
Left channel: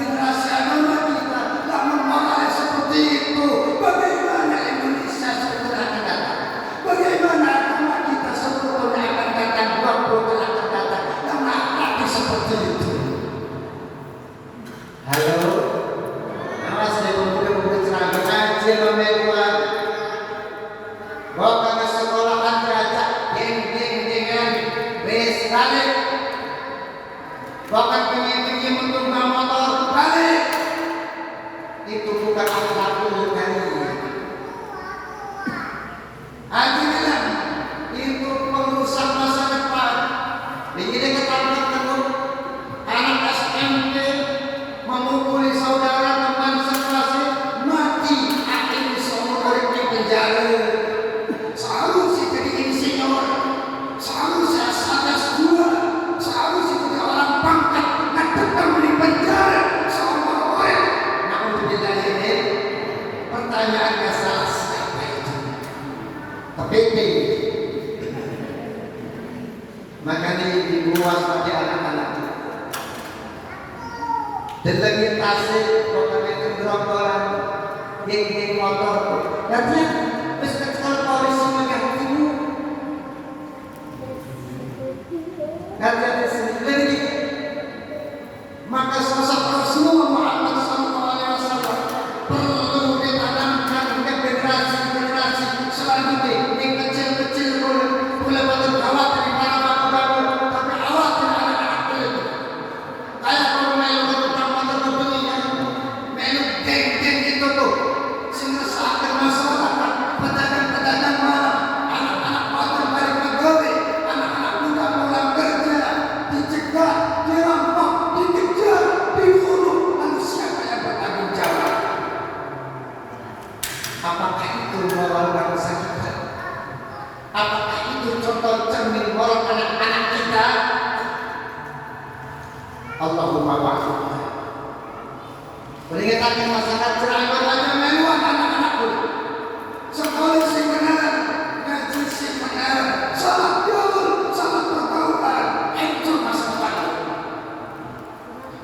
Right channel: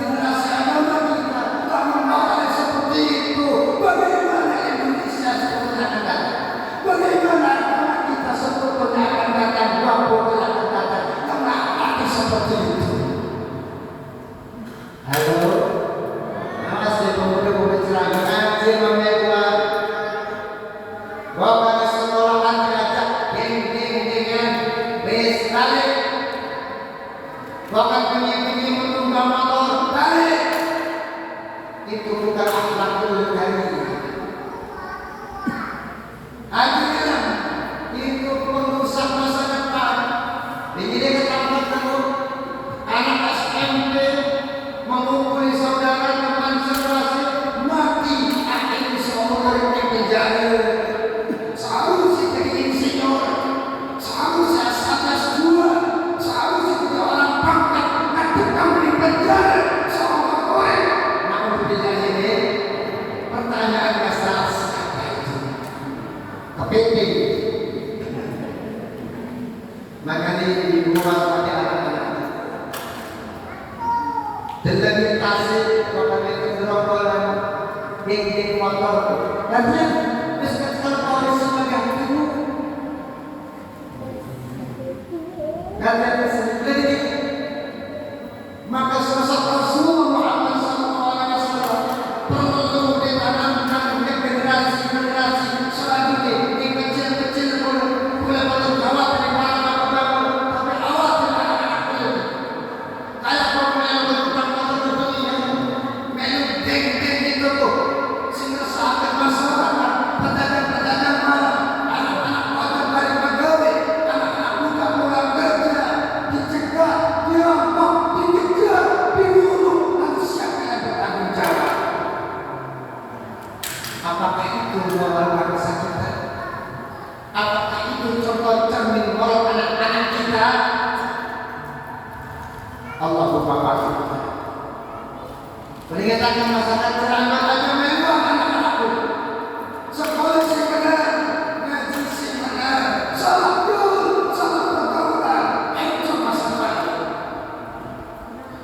generasi agama kita. Namun hal seperti itu, bagaimana Indonesia sebetulnya akan datang? Bagaimana agama kita sebetulnya akan datang? Waktu akan datang. Kenapa seperti itu? Halo. Masih pemuda-pemuda celana ngaji memewah. Bawa ke sekolahan diajak geng-geng dengan bes balik. Bahkan bunyi-bunyi menunggang motor balik. Itu bukan akhlak dari akhirnya itu merusak masa depan. Begini ketakutan anak SMP memukuli saudara teman sekelasnya mati, akhirnya seumur hidup di penjara. Seharusnya jadi insinyur, seharusnya S1 S2, seharusnya jadi orang pangkat, tetap di penjara seumur hidup. Namun di penjara ini pertanyaannya salah siapa itu? Kepiting. Makanya dibuat pada anak-anak. Dan lagi tasik, pokoknya itu gerombolan geng-geng motor. Nanti kalau polisi mengganti, nanti ada sendiri. Maka sosok Rasulullah Muhammad SAW perlu ditanamkan ke generasi-generasi selanjutnya. Yang kecil-kecil boleh gawat dari bapak-bapak, tapi awat dari anak-anak boleh. Kayak menu geng-geng itu tuh, sehingga sampai masyarakat pedagang-pedagang malam, anak-anak motor balik pegawai, anak-anak muda pulang kerja, dicegah, dirampok, dikejar, dibunuh. Lalu siapa yang bertanggung jawab? Apakah itu moral bangsa kita? Apakah itu contoh cermin moral anak-anak kita? Allahumma wa'ala. Peringatan masyarakat cerahkan aja mewah anak-anakku. Sekolah si benar, ngaji si benar, salah jauh, salah pergaulan, itu masa depan.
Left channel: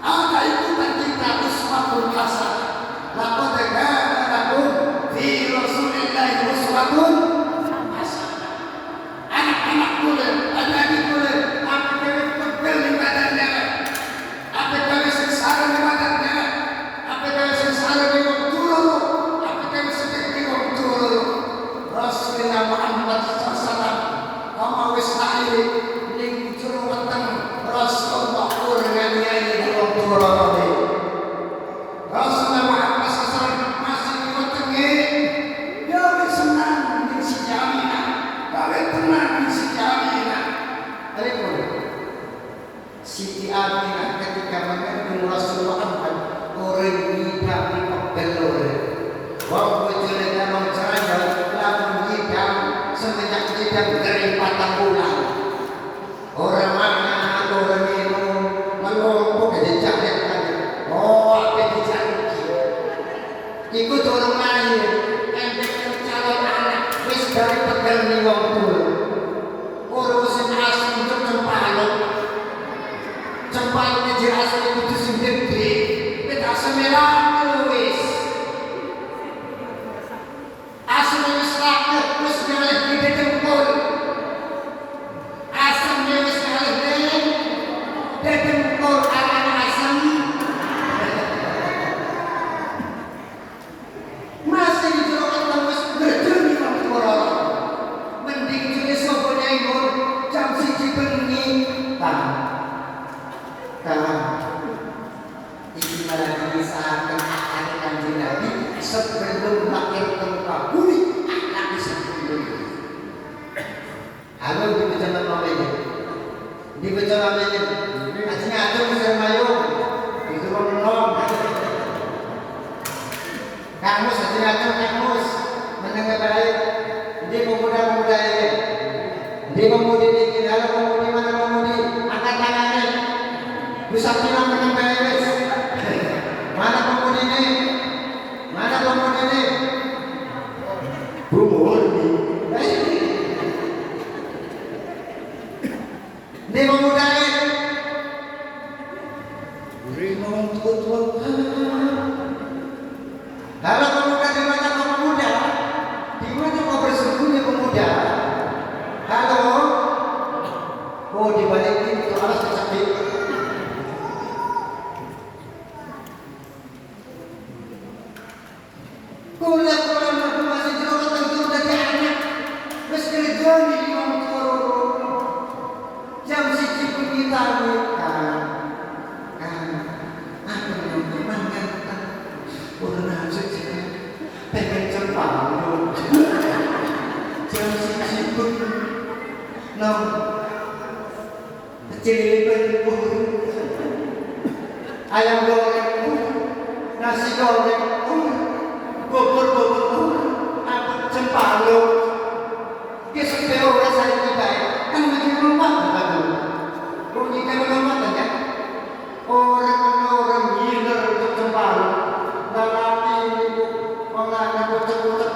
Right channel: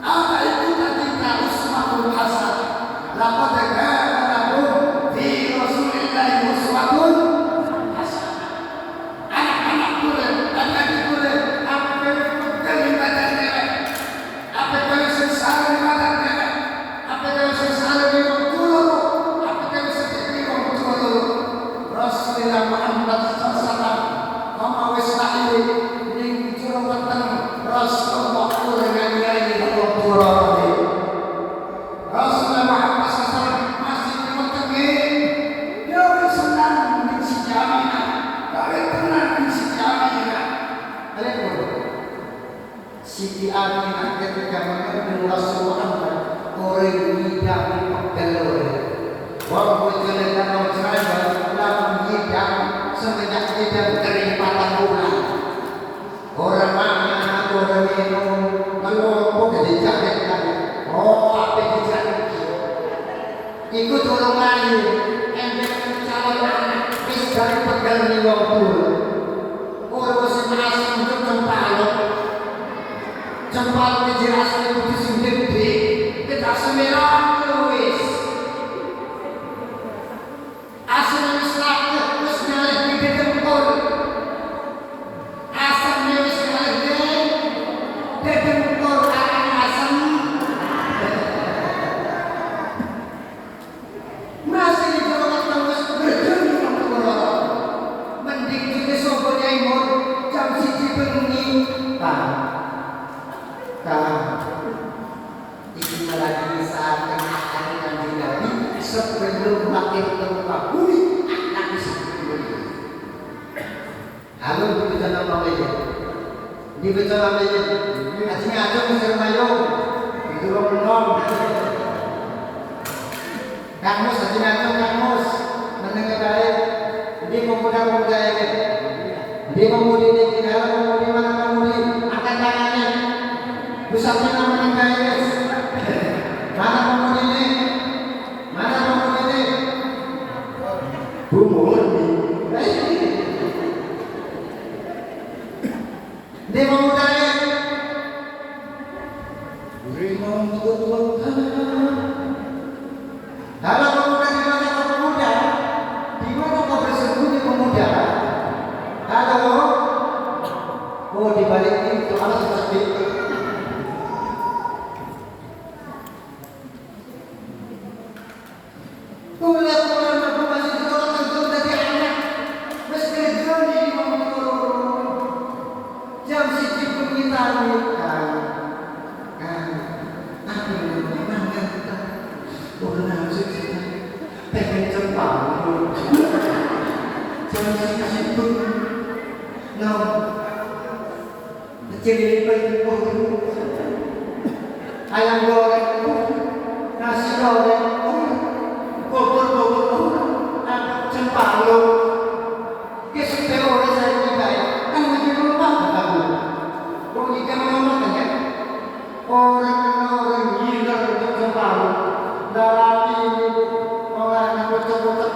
Ada ikutan kita uswatun hasanah. Laqad kana lakum fi Rasulillahi uswatun hasanah. Anak-anak boleh, anak-anak boleh, apa kali pegel di badannya, apa kali sengsara di badannya. Rasulullah Muhammad SAW memawis akhir ning jero weteng Rasulullah urang-urang dalam Qur'an. Rasulullah Muhammad SAW masih wetenge yo senang ning si Aminah, gawe tenang ning si Aminah. Siti Aminah ketika mengenal Rasulullah Muhammad orang tidak dipegel. Wong jenengan cerdas lamun nyidang semenjak nyidang dari 4 bulan. Orang mana orang itu melompok di jaket aja. Oh, apa di jaket? Ikut orang lain yang calon anak wis dari pegel ni wong tuwa. Orang sing asem untuk cempalok. Cempalok di asem itu sing gede. Kita semerah wis. Asam misalnya terus nyalih di dengkul, asam nyalih di dengkul akan asam. Masih di Jawa Tengah berdiri orang mending Di betul apa ini? Ajinya aja bisa mayung. Itu belum. Kamus ajinya aja kamus. Mendengar baik. Dia pemuda-pemuda ini. Dia pemudi ini kira pemudi mana pemudi? Angkat tangannya. Bisa bilang mendengar guys. Mana pemudi ini? Mana pemudi ini? Bumur. Dia pemuda ini. Terima untuk Tuhan. Halo pemuda, di mana kau pemuda? Di mana kau bersembunyi pemuda? Halo. Oh di balik itu alas sedih. Kuliah aku masih jorok tentu tadi anak. Meski joni mengurung. Jam siji pun kita nikah. Aku memang kan udah sih pengen cepat. Jam siji pun nang kecil pun ayam goreng nasi goreng bubur apa cempalo kesempatan orang saya tiba kan masih lupa aku kita mengamalkan kan orang gila untuk cempalo darati orang bocor-bocor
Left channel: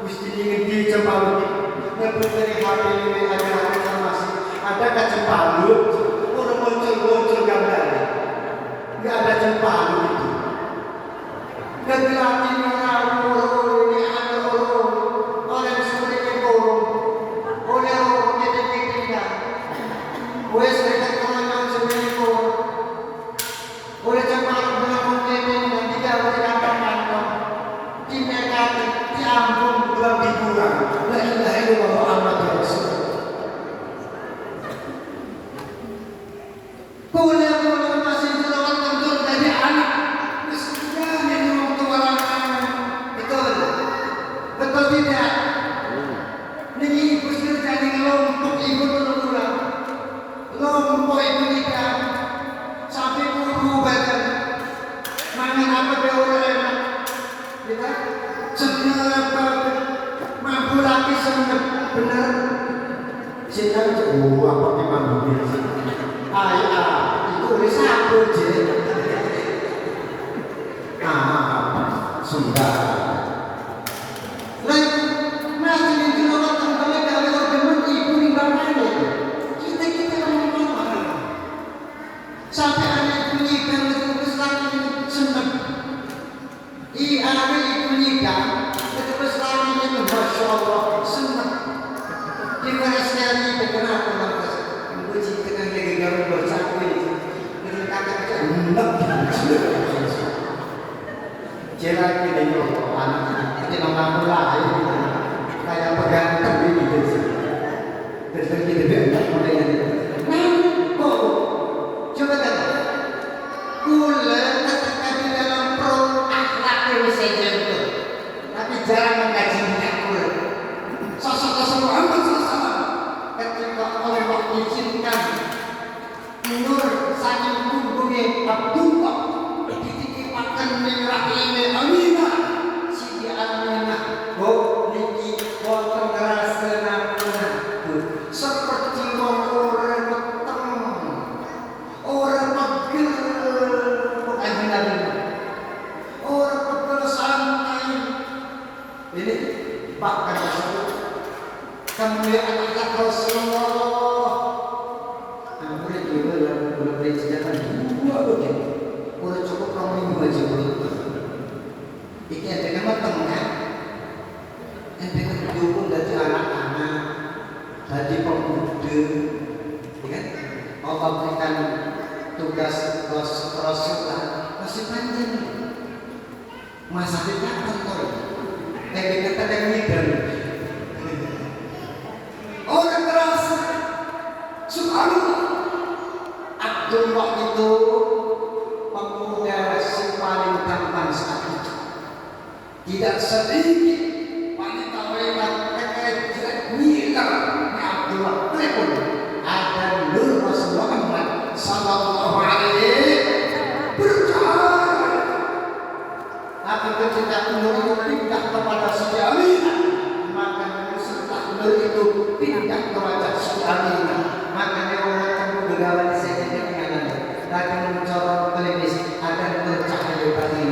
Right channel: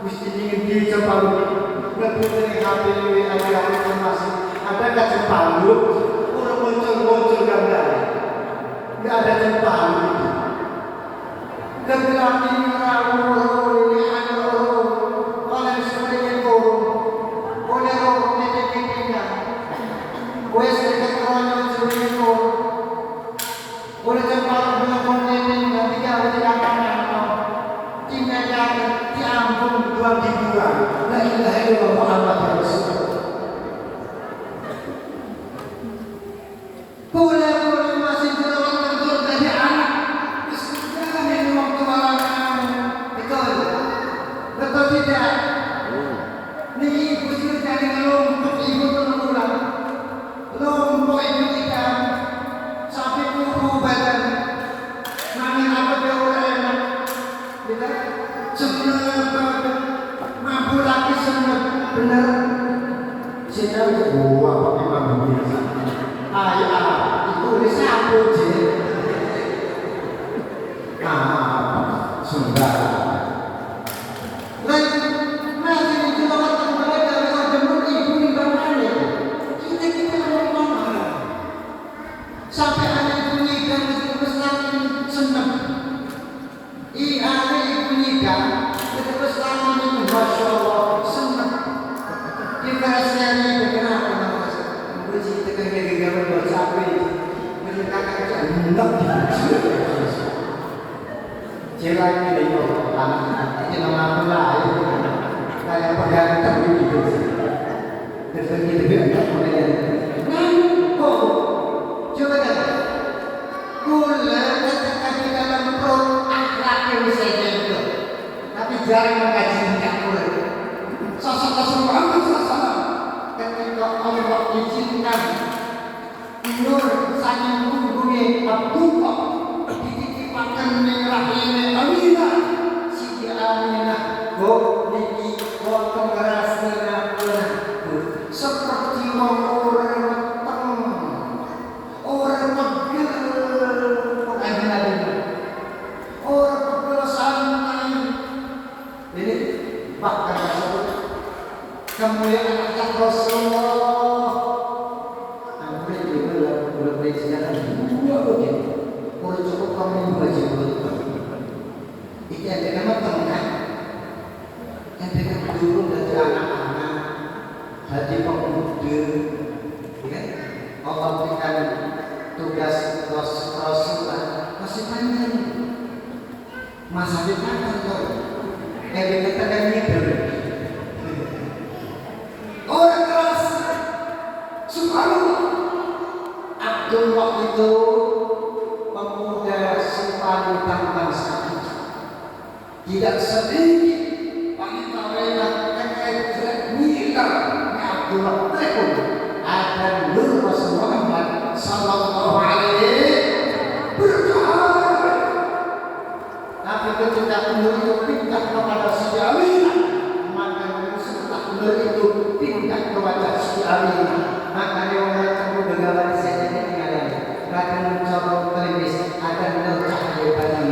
mesti di cempalo ngebut dari HP aja masih ada kan cempalo orang bocor-bocor gambar nggak ada cempalo itu Kebetulan ini rawu ini ada oleh sebagai oleh orang yang dikira, oleh sebagai orang yang sebagai oleh tempat bulan ini nanti kalau tidak akan tindakan diampun 2 mingguan. La ilaha illallah Muhammadur Rasulullah. Boleh masih jelawan tentu dari anak. Betul tidak? Ini ibu sudah jadi lompok ibu pulang. Lompok ibu kita sampai ulu badan. Mangan apa beorelan? Kita senep mampu lagi senep bener. Saya tahu apa memang begitu. Itu udah satu je. Sudah. Sampai anak ibu nikah itu besar ini senang. Anak ibu nikah itu besar ini masya Allah senang. Di kerasnya ini kenapa nggak ibu cinta kan gara-gara bercapai. Dengan kata-kata enak. Cera ini dari anak itu nama pula kayak pegantan gitu. Terus kita berenang mulai. Coba kata, gula ketika di dalam perut akhlak yang bisa jatuh, tapi jarang mengkaji minyak gula. Sosok Rasulullah SAW ketika Allah izinkan nur saking punggungnya Abdullah dititipkan merah ini Aminah, Siti Aminah, niki penggeras neraka, seperti orang ini bahkan kemuliaan anak Rasulullah yang boleh juga boleh sekarang dua begini boleh cukup kamu baju itu yang dengan matang yang dengan dulu dari anak-anak dari pemuda kan Allah berikan tugas Rasulullah masih panjang masa depan kantor dikatakan ngidam orang keras subhanallah Abdullah itu pemuda yang paling tampan sakit tidak sedikit wanita mereka mila Abdullah ada nur tak itu pindah kepada Siti Aminah, maka Yusuf tak itu pindah kepada Siti Aminah. Maka dia orang kamu begawan saya tinggalan. Lagi mencoba klinis ada nur cahaya pagi.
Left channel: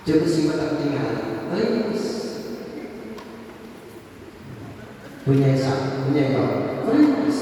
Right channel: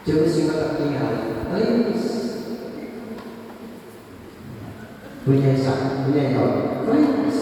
Coba simak tak tinggal. Klinis. Punya sak, punya yon. Klinis.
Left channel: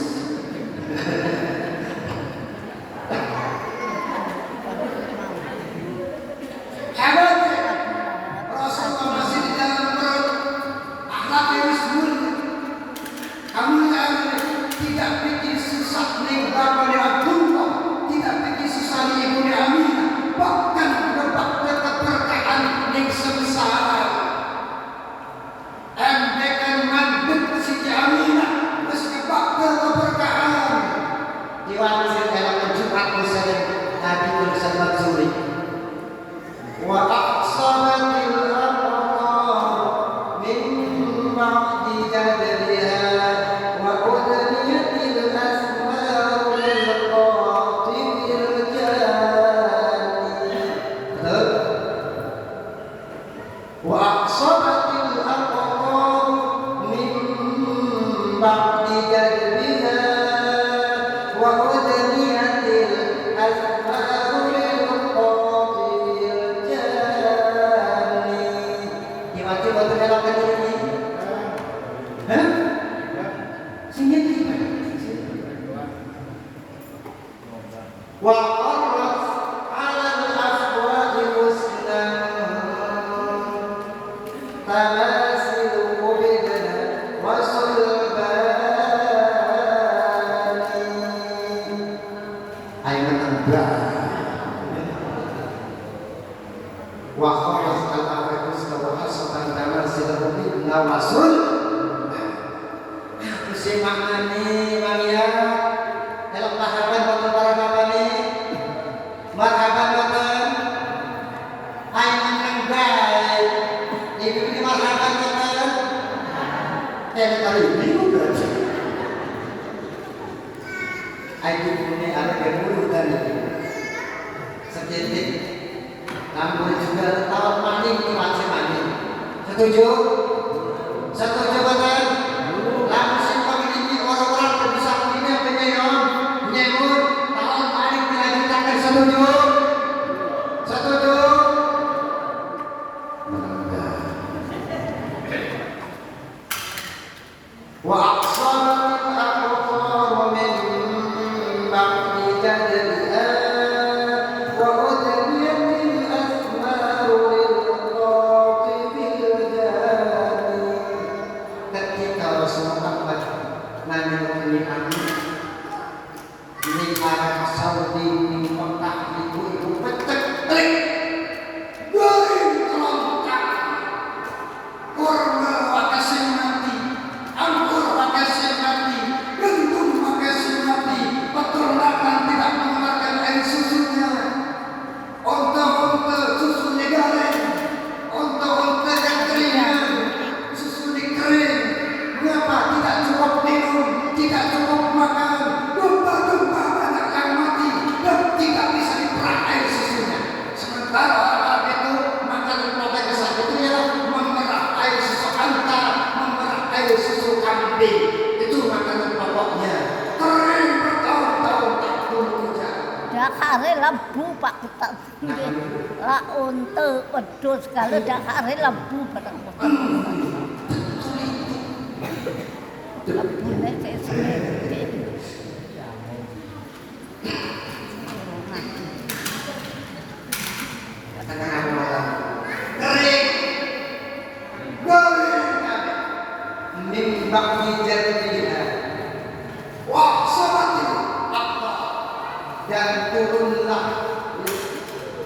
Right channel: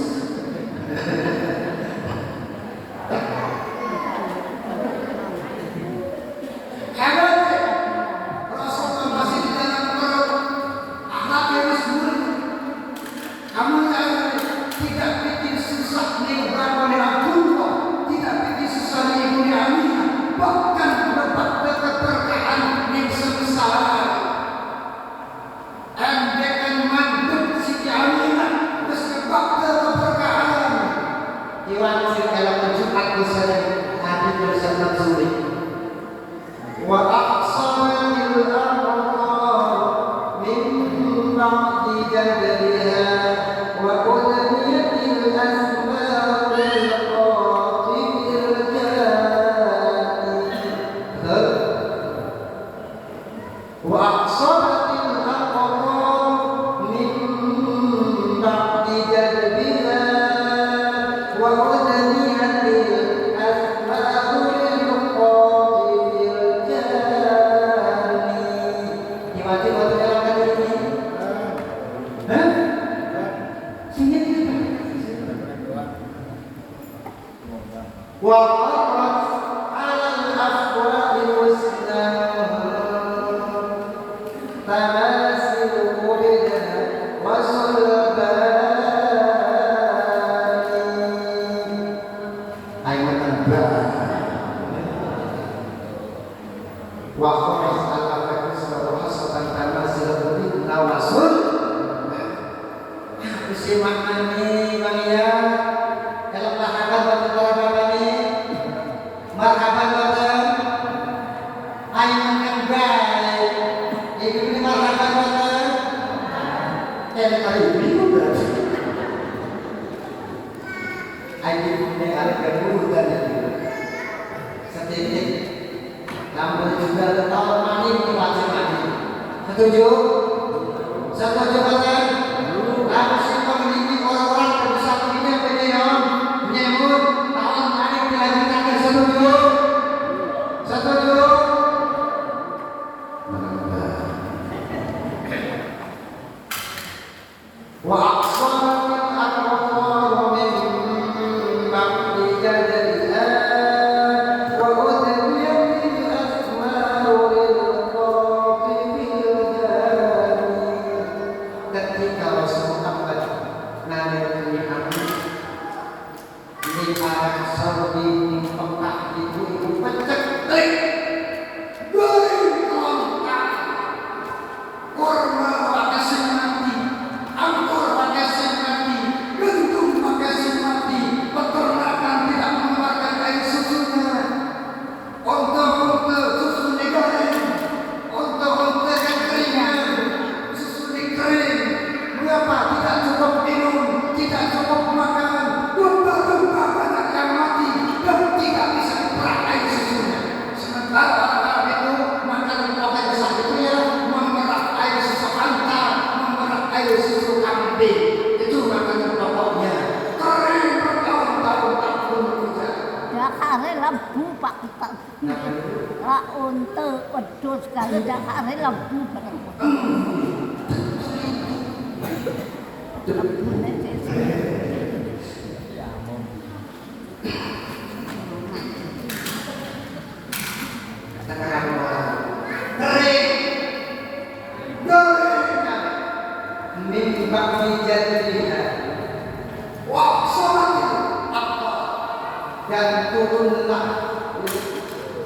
Dan turunlah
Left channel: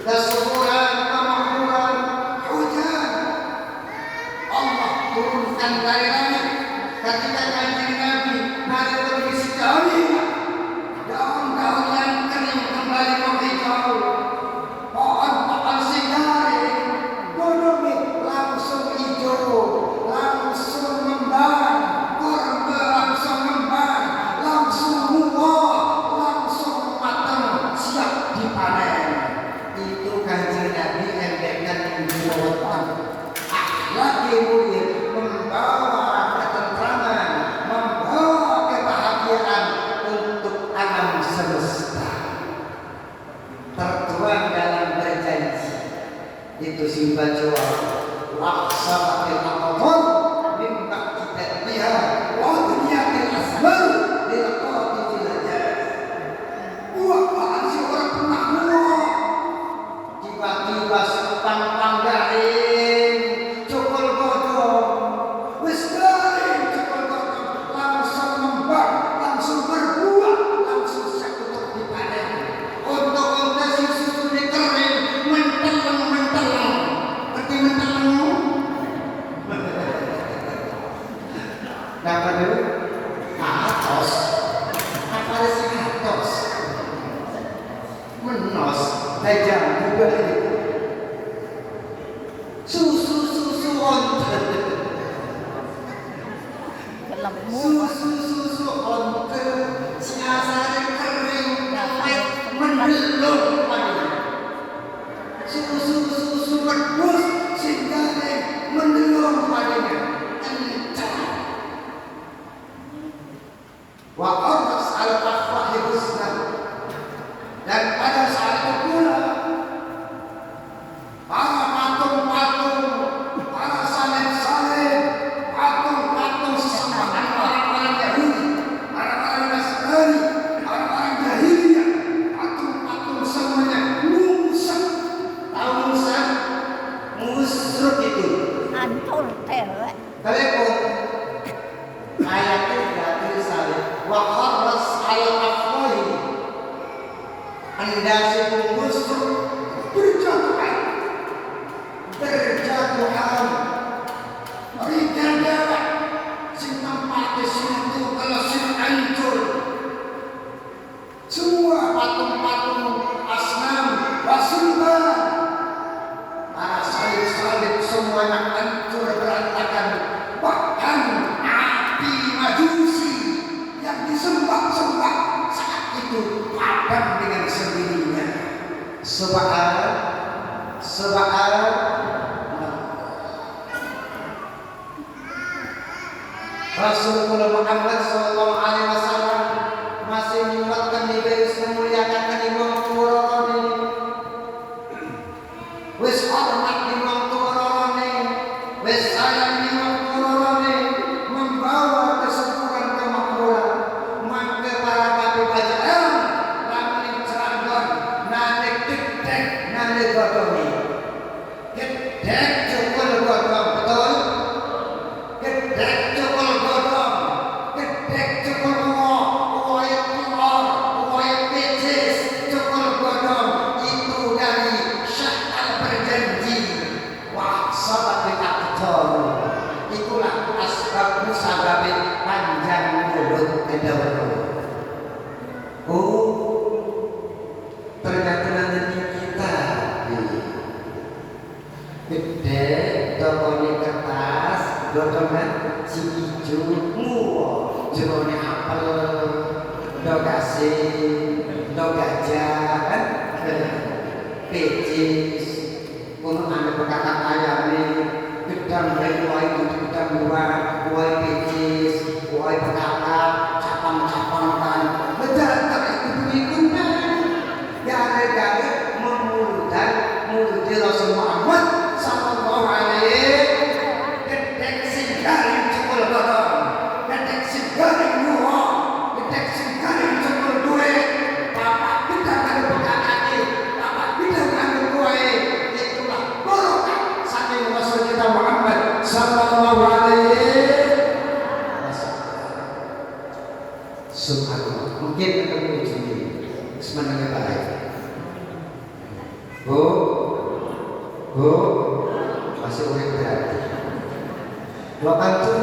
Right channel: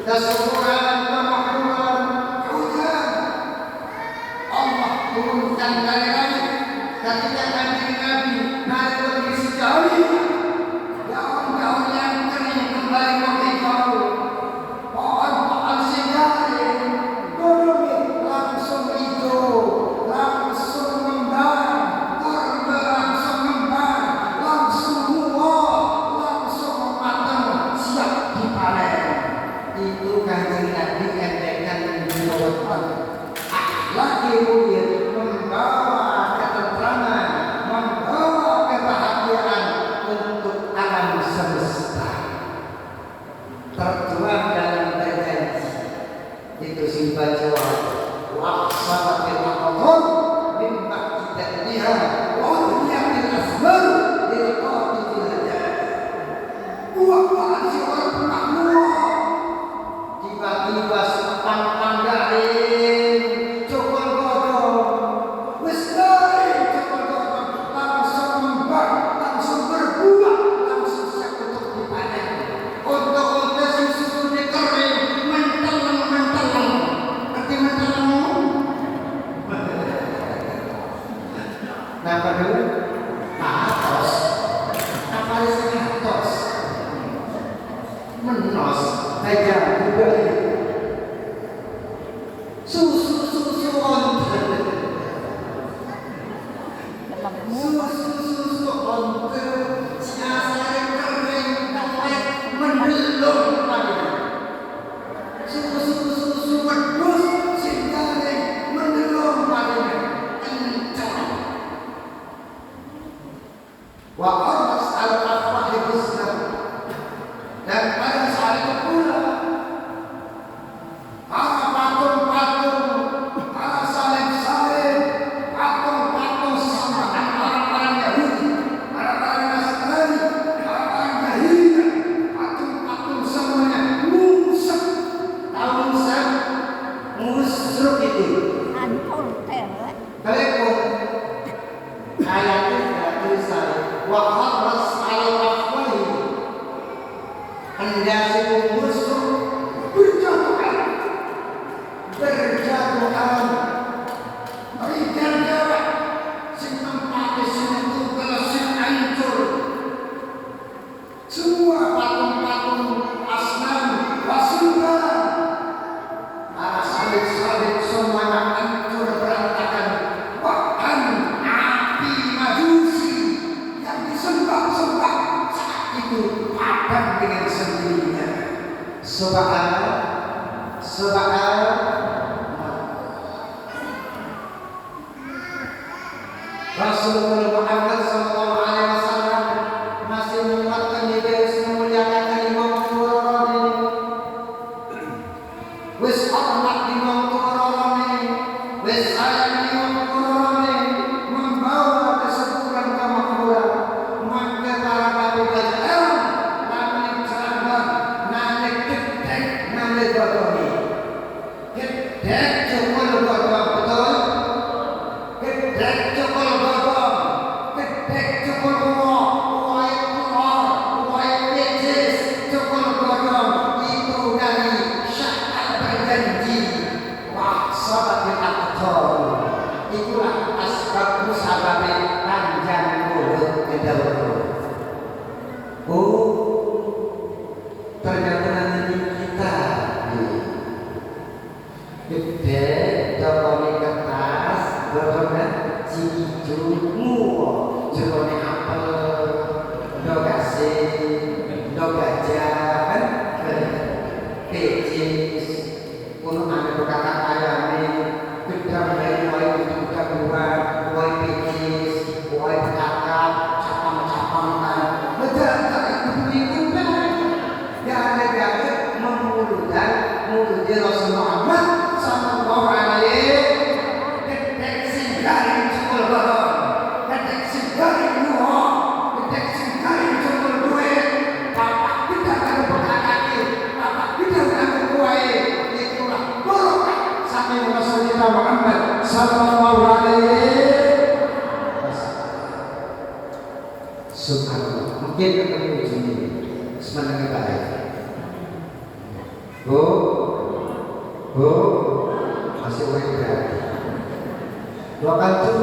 kesuburan kemakmuran hujan Allah turunkan dari langit ketika kanjeng Nabi naik pergi sekali daun-daun yang kering kembali menghijau pohon-pohon sigari gunung langsung hijau langsung ngembang kurma langsung ngembang langsung buah langsung matang siap dipanen itu kanjeng keselamatan. Lagi mulia membawa ketentraman, membawa kebahagiaan untuk alam semesta. Tertuang dalam berjanji itu simpan jawab laksanatil amr mimma kita biha wa dunyatil asmar lilqatil hajat. Apaan sih orang penakluh tiba-tiba sepang panggain cokol godong wis garing cokol godong langsung membak, langsung berbuah, langsung siap untuk dipanen. Untuk susu dikering menteleng ngerti menteleng apa dulu? Atos apa sih atos? Menos tajam juga susu ontel susu ontel siasare kering dawet mendelung padanya susu wedhus sing garing mendelung padanya kencang wa aras al-afwahi husna. Dan pada saat itu pula para patung-patung, para salib-salib, patung-patung sesembahan orang-orang Yahudi, orang-orang Nasrani, orang-orang Jahiliyah, patung-patung semuanya musik. Tahu musik? Musruk itu. Antul telek. Telepon. Ayatnya tidak tulisan. Wa kharras al-afwahi. Hendasi musruk berjatuhan, berikan jawab sing tempatnya sing tugel sing hancur. Semua patung-patung asnam wasulban para salib-salib semuanya hancur berantakan. Bahkan api majusi yang disembah-sembah saat itu padam dengan sendirinya. Rasulullah Muhammad sallallahu alaihi wasallam masih menguatkan di bawah memuliakan Imam Turani. Wis hormat Imam Turani, wis sayang Imam Turani, membawa keseluruhan kemakmuran. Maka para nabi bajaan lamun cerambang nanek gedek nanek godongi. Gedek cukul godong betul. Gedek cukul godong, gedek cukul uai telur, uai pecis, cukul godong itu dari syakal berjanji. Wah, sahabat aktor. Itulah asbab musabab panjang mulut kedua. Oh, ternyata nanti kita gede tokone kertas godongan si ijo muo jerone apel do gasing do gajah kan pecis kuno ane kakak ayame gedang dari wae gedang murah wae pecis wae kakak capang-capang kan betul tak itu kan ya ada memulutan mulut Rasul Muhammad sallallahu alaihi gedek sing garing cukul godong gedek sing garing muo gedek sing garing cukul duit bapak kita karo bekakake bapak kita karo duwe itulah barokah saking Rasul kita Muhammad sallallahu alaihi wasallam. Subhanallah. Mungkin ketemu di sini semenangi baik. Bu masih urip berarti. Waktu itu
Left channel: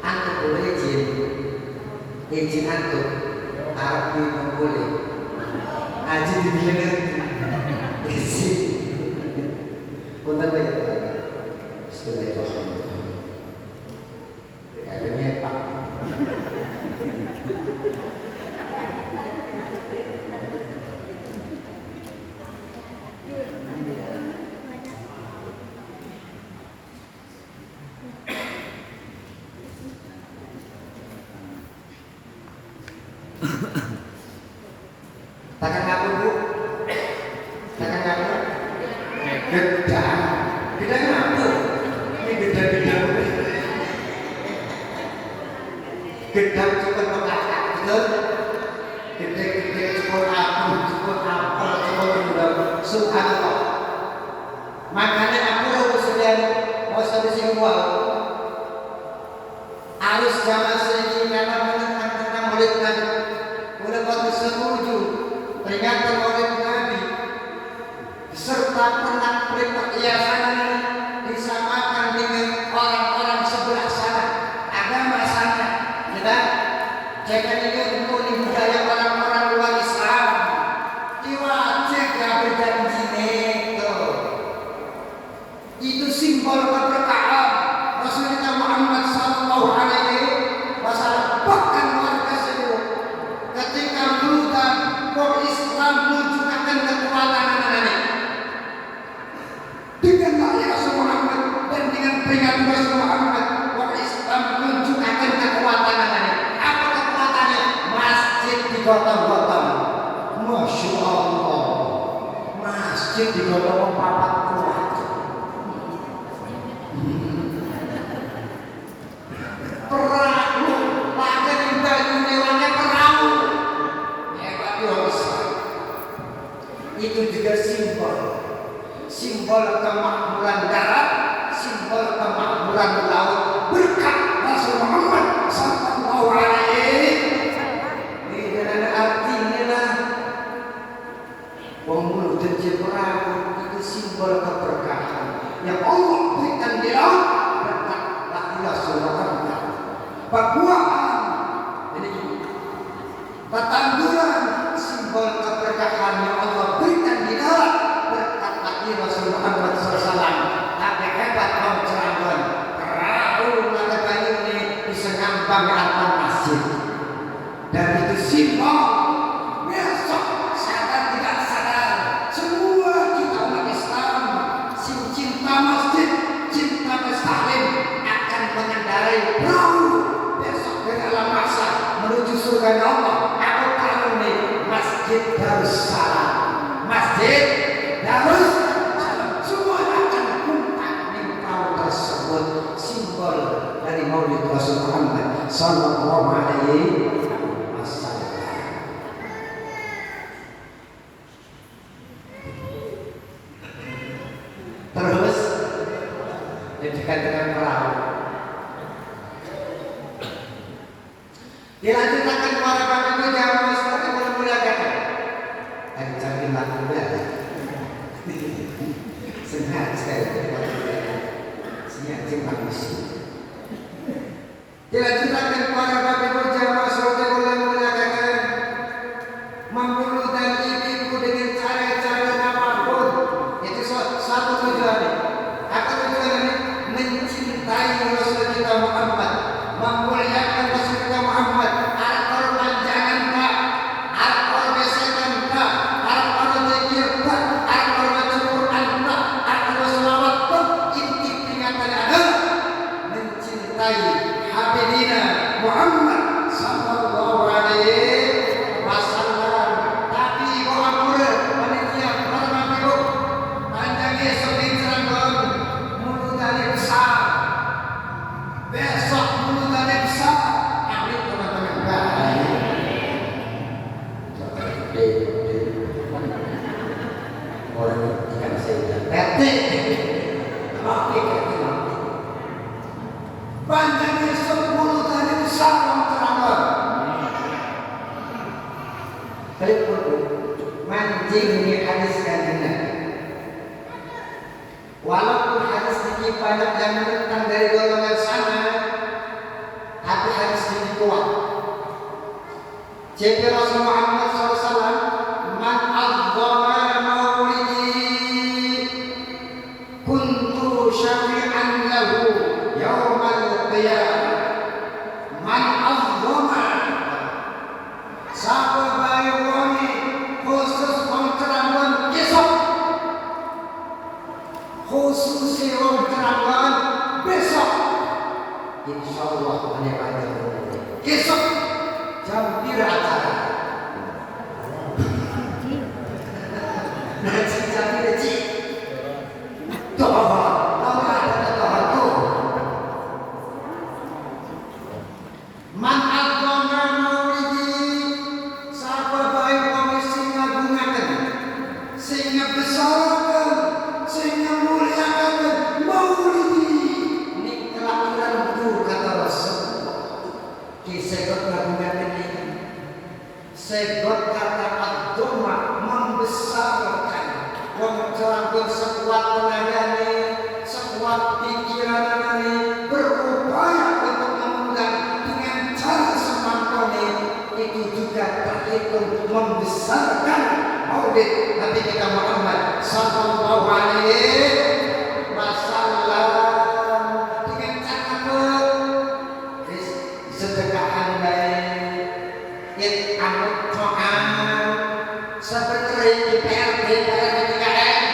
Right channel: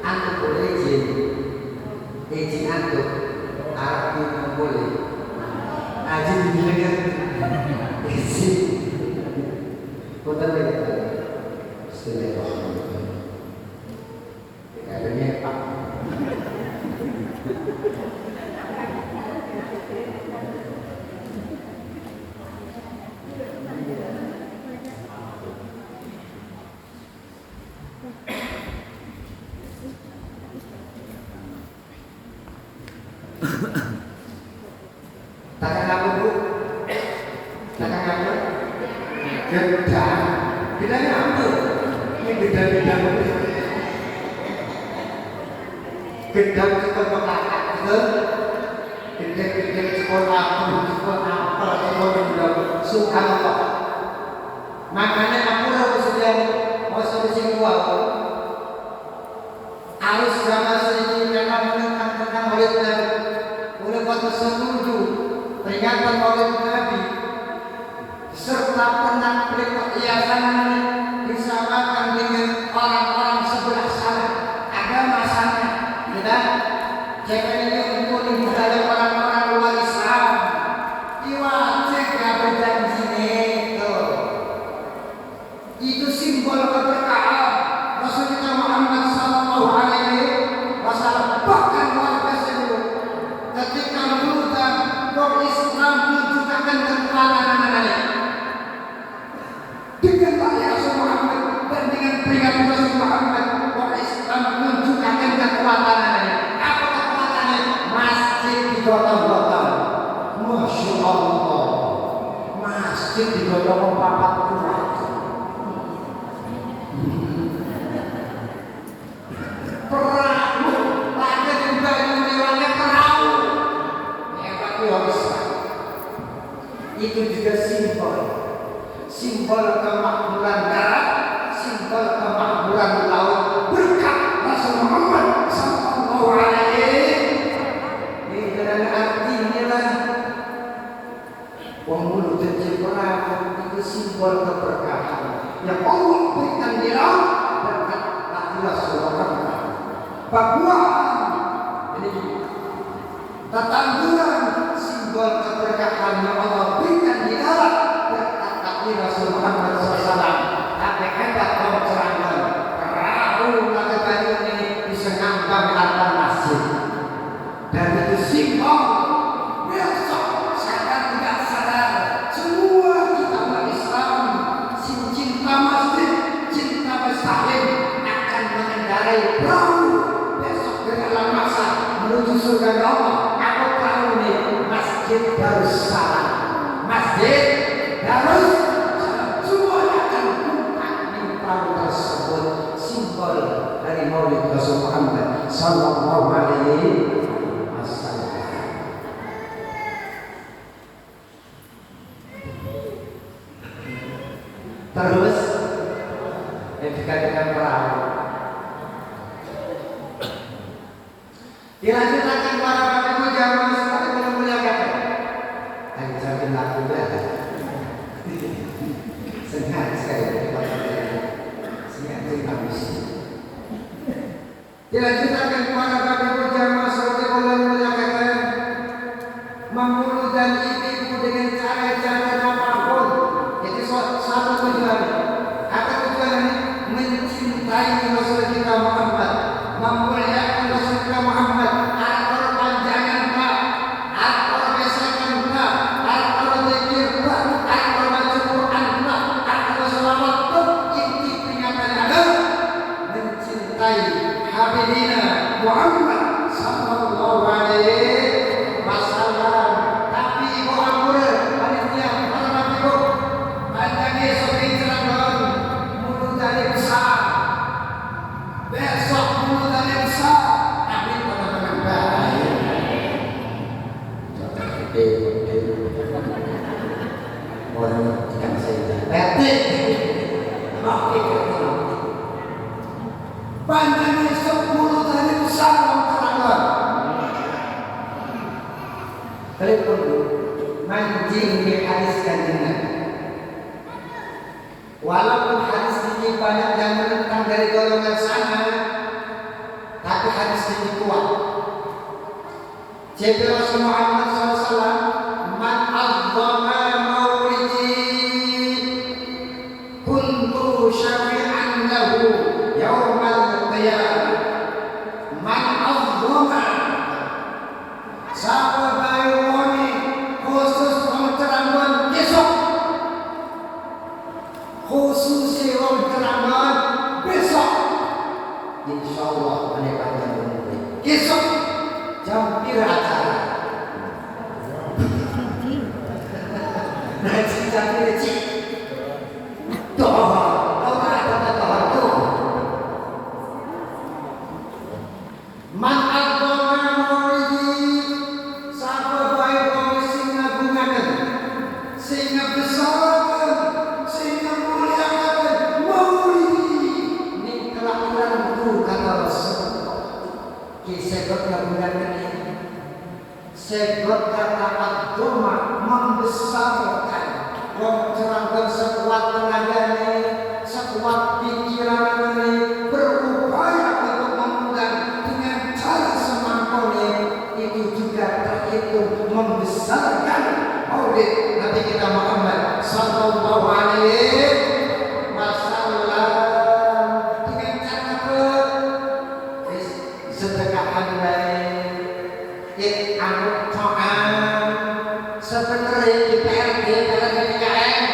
antuk boleh izin antuk Arabi boleh aji didengar izin punten lagi setelah itu adanya Pak Takkan kamu bu, takkan kamu gedang, gedangnya apa? Ini gedang-gedang gedang cikon mekakak gitu, gedang-gedang cikon aku, cikon apa, cikon gedang, subhanallah. Makanya aku harus sedang mau sampai sini harus zaman sedikit karena menekan murid Nabi, mulai waktu setuju peringatan maulid Nabi serta pernah perhiasan disamakan dengan orang-orang sebelah sana agama sana, kita jangan ini untuk budaya orang-orang luar Islam diwajib ya berjanji itu simbol keberkahan Rasulullah Muhammad Sallallahu Alaihi Wasallam. Bahkan luar biasa itu ketika mulutan orang Islam menunjukkan kekuatan anak-anak dengan lahir Rasul Muhammad dan dengan peringatan Rasul Muhammad, orang Islam menunjukkan kekuatan anak-anak. Apa kekuatannya? Masjid digotong-gotong. Masya Allah, masjid digotong papat kuat. Perahu, pakai baju mewahnya perahu. Hebat Islam. Itu juga simbol kemakmuran darat, simbol kemakmuran laut berkat Rasul Muhammad Sallallahu Alaihi. Ini dengan artinya lah, pembunuh dan perahu itu simbol keberkahan yang Allah berikan dia berkat Rasul Muhammad. Pakuan, ini tanduran simbol keberkahan yang Allah berikan di dalam berkat kaki Rasul Muhammad SAW. Tapi hebat kaum Cirebon, perahu naga kayu ini bisa ngambang di atas masjid, dan itu simbol besok sadar tidak sadar semua kita umat Islam cinta masjid, cinta mustahil akan mengendarai perahu dalam masa menuju surga Allah. Aku tahu nih Masjid Darussalam, Masjid Darussalam, semua akan kumpak di perahu tersebut, simbol dari Maulid Rasul Muhammad Sallallahu Alaihi Wasallam. Terus yang dikatakan perahu dilanjutkan para bapak ibu jamaah seperti memuliakan. Tadi cari lagu ada. Sengaja sekali. Sengaja habis. Dilanjutkan para bapak ibu jamaah seperti memuliakan. Membunuh dan ibu dengan cara-cara apapun. Itu satu tujuan. Apa tujuannya? Mencintai Rasul kita Muhammad, memuliakan Rasul kita Muhammad. Muhammad Sallallahu Alaihi Wasallam. Tapi ibu akur panitia para ibu panjang esok Cirebon mulut dari besar, besok mulut dari besar. Tapi teman-teman baik. Orang ikan saja. Panjangnya 10 dari besar Cirebon. Kalian perlu mancing di hadis Kanjeng Nabi. Walaupun hadis ini banyak yang menentang dari golongan sana, tapi hadis ini kuat. Jadi Rasul Muhammad SAW, man azzama maulidi kuntu syafi'an lahu yaumal qiyamah. Man azzama siapa bayuani khusus Cirebon besok, khusus Cirebon besok, insya Allah ada panjang besok jam 3 acara. jadi cik. Doa, ada doa tu. Man agama maulidi, siapa baik kami singa gunakan, singa besarkan, singa muliakan maulidi. Ini kelahiran itu kata Rasul. Kisah gunakan ini. Segot kata agama membesarkan. Wong jalan sekuat tenaganya, sekuat pikirannya, berupaya untuk memudahkan dengan cara semampunya. Itu juga terhitung membesarkan maulid Nabi kita Muhammad sallallahu alaihi wasallam. Dengan cara apa? Sedekahan baik, anut Tuhan, sebenarnya di PRD dalam PKM.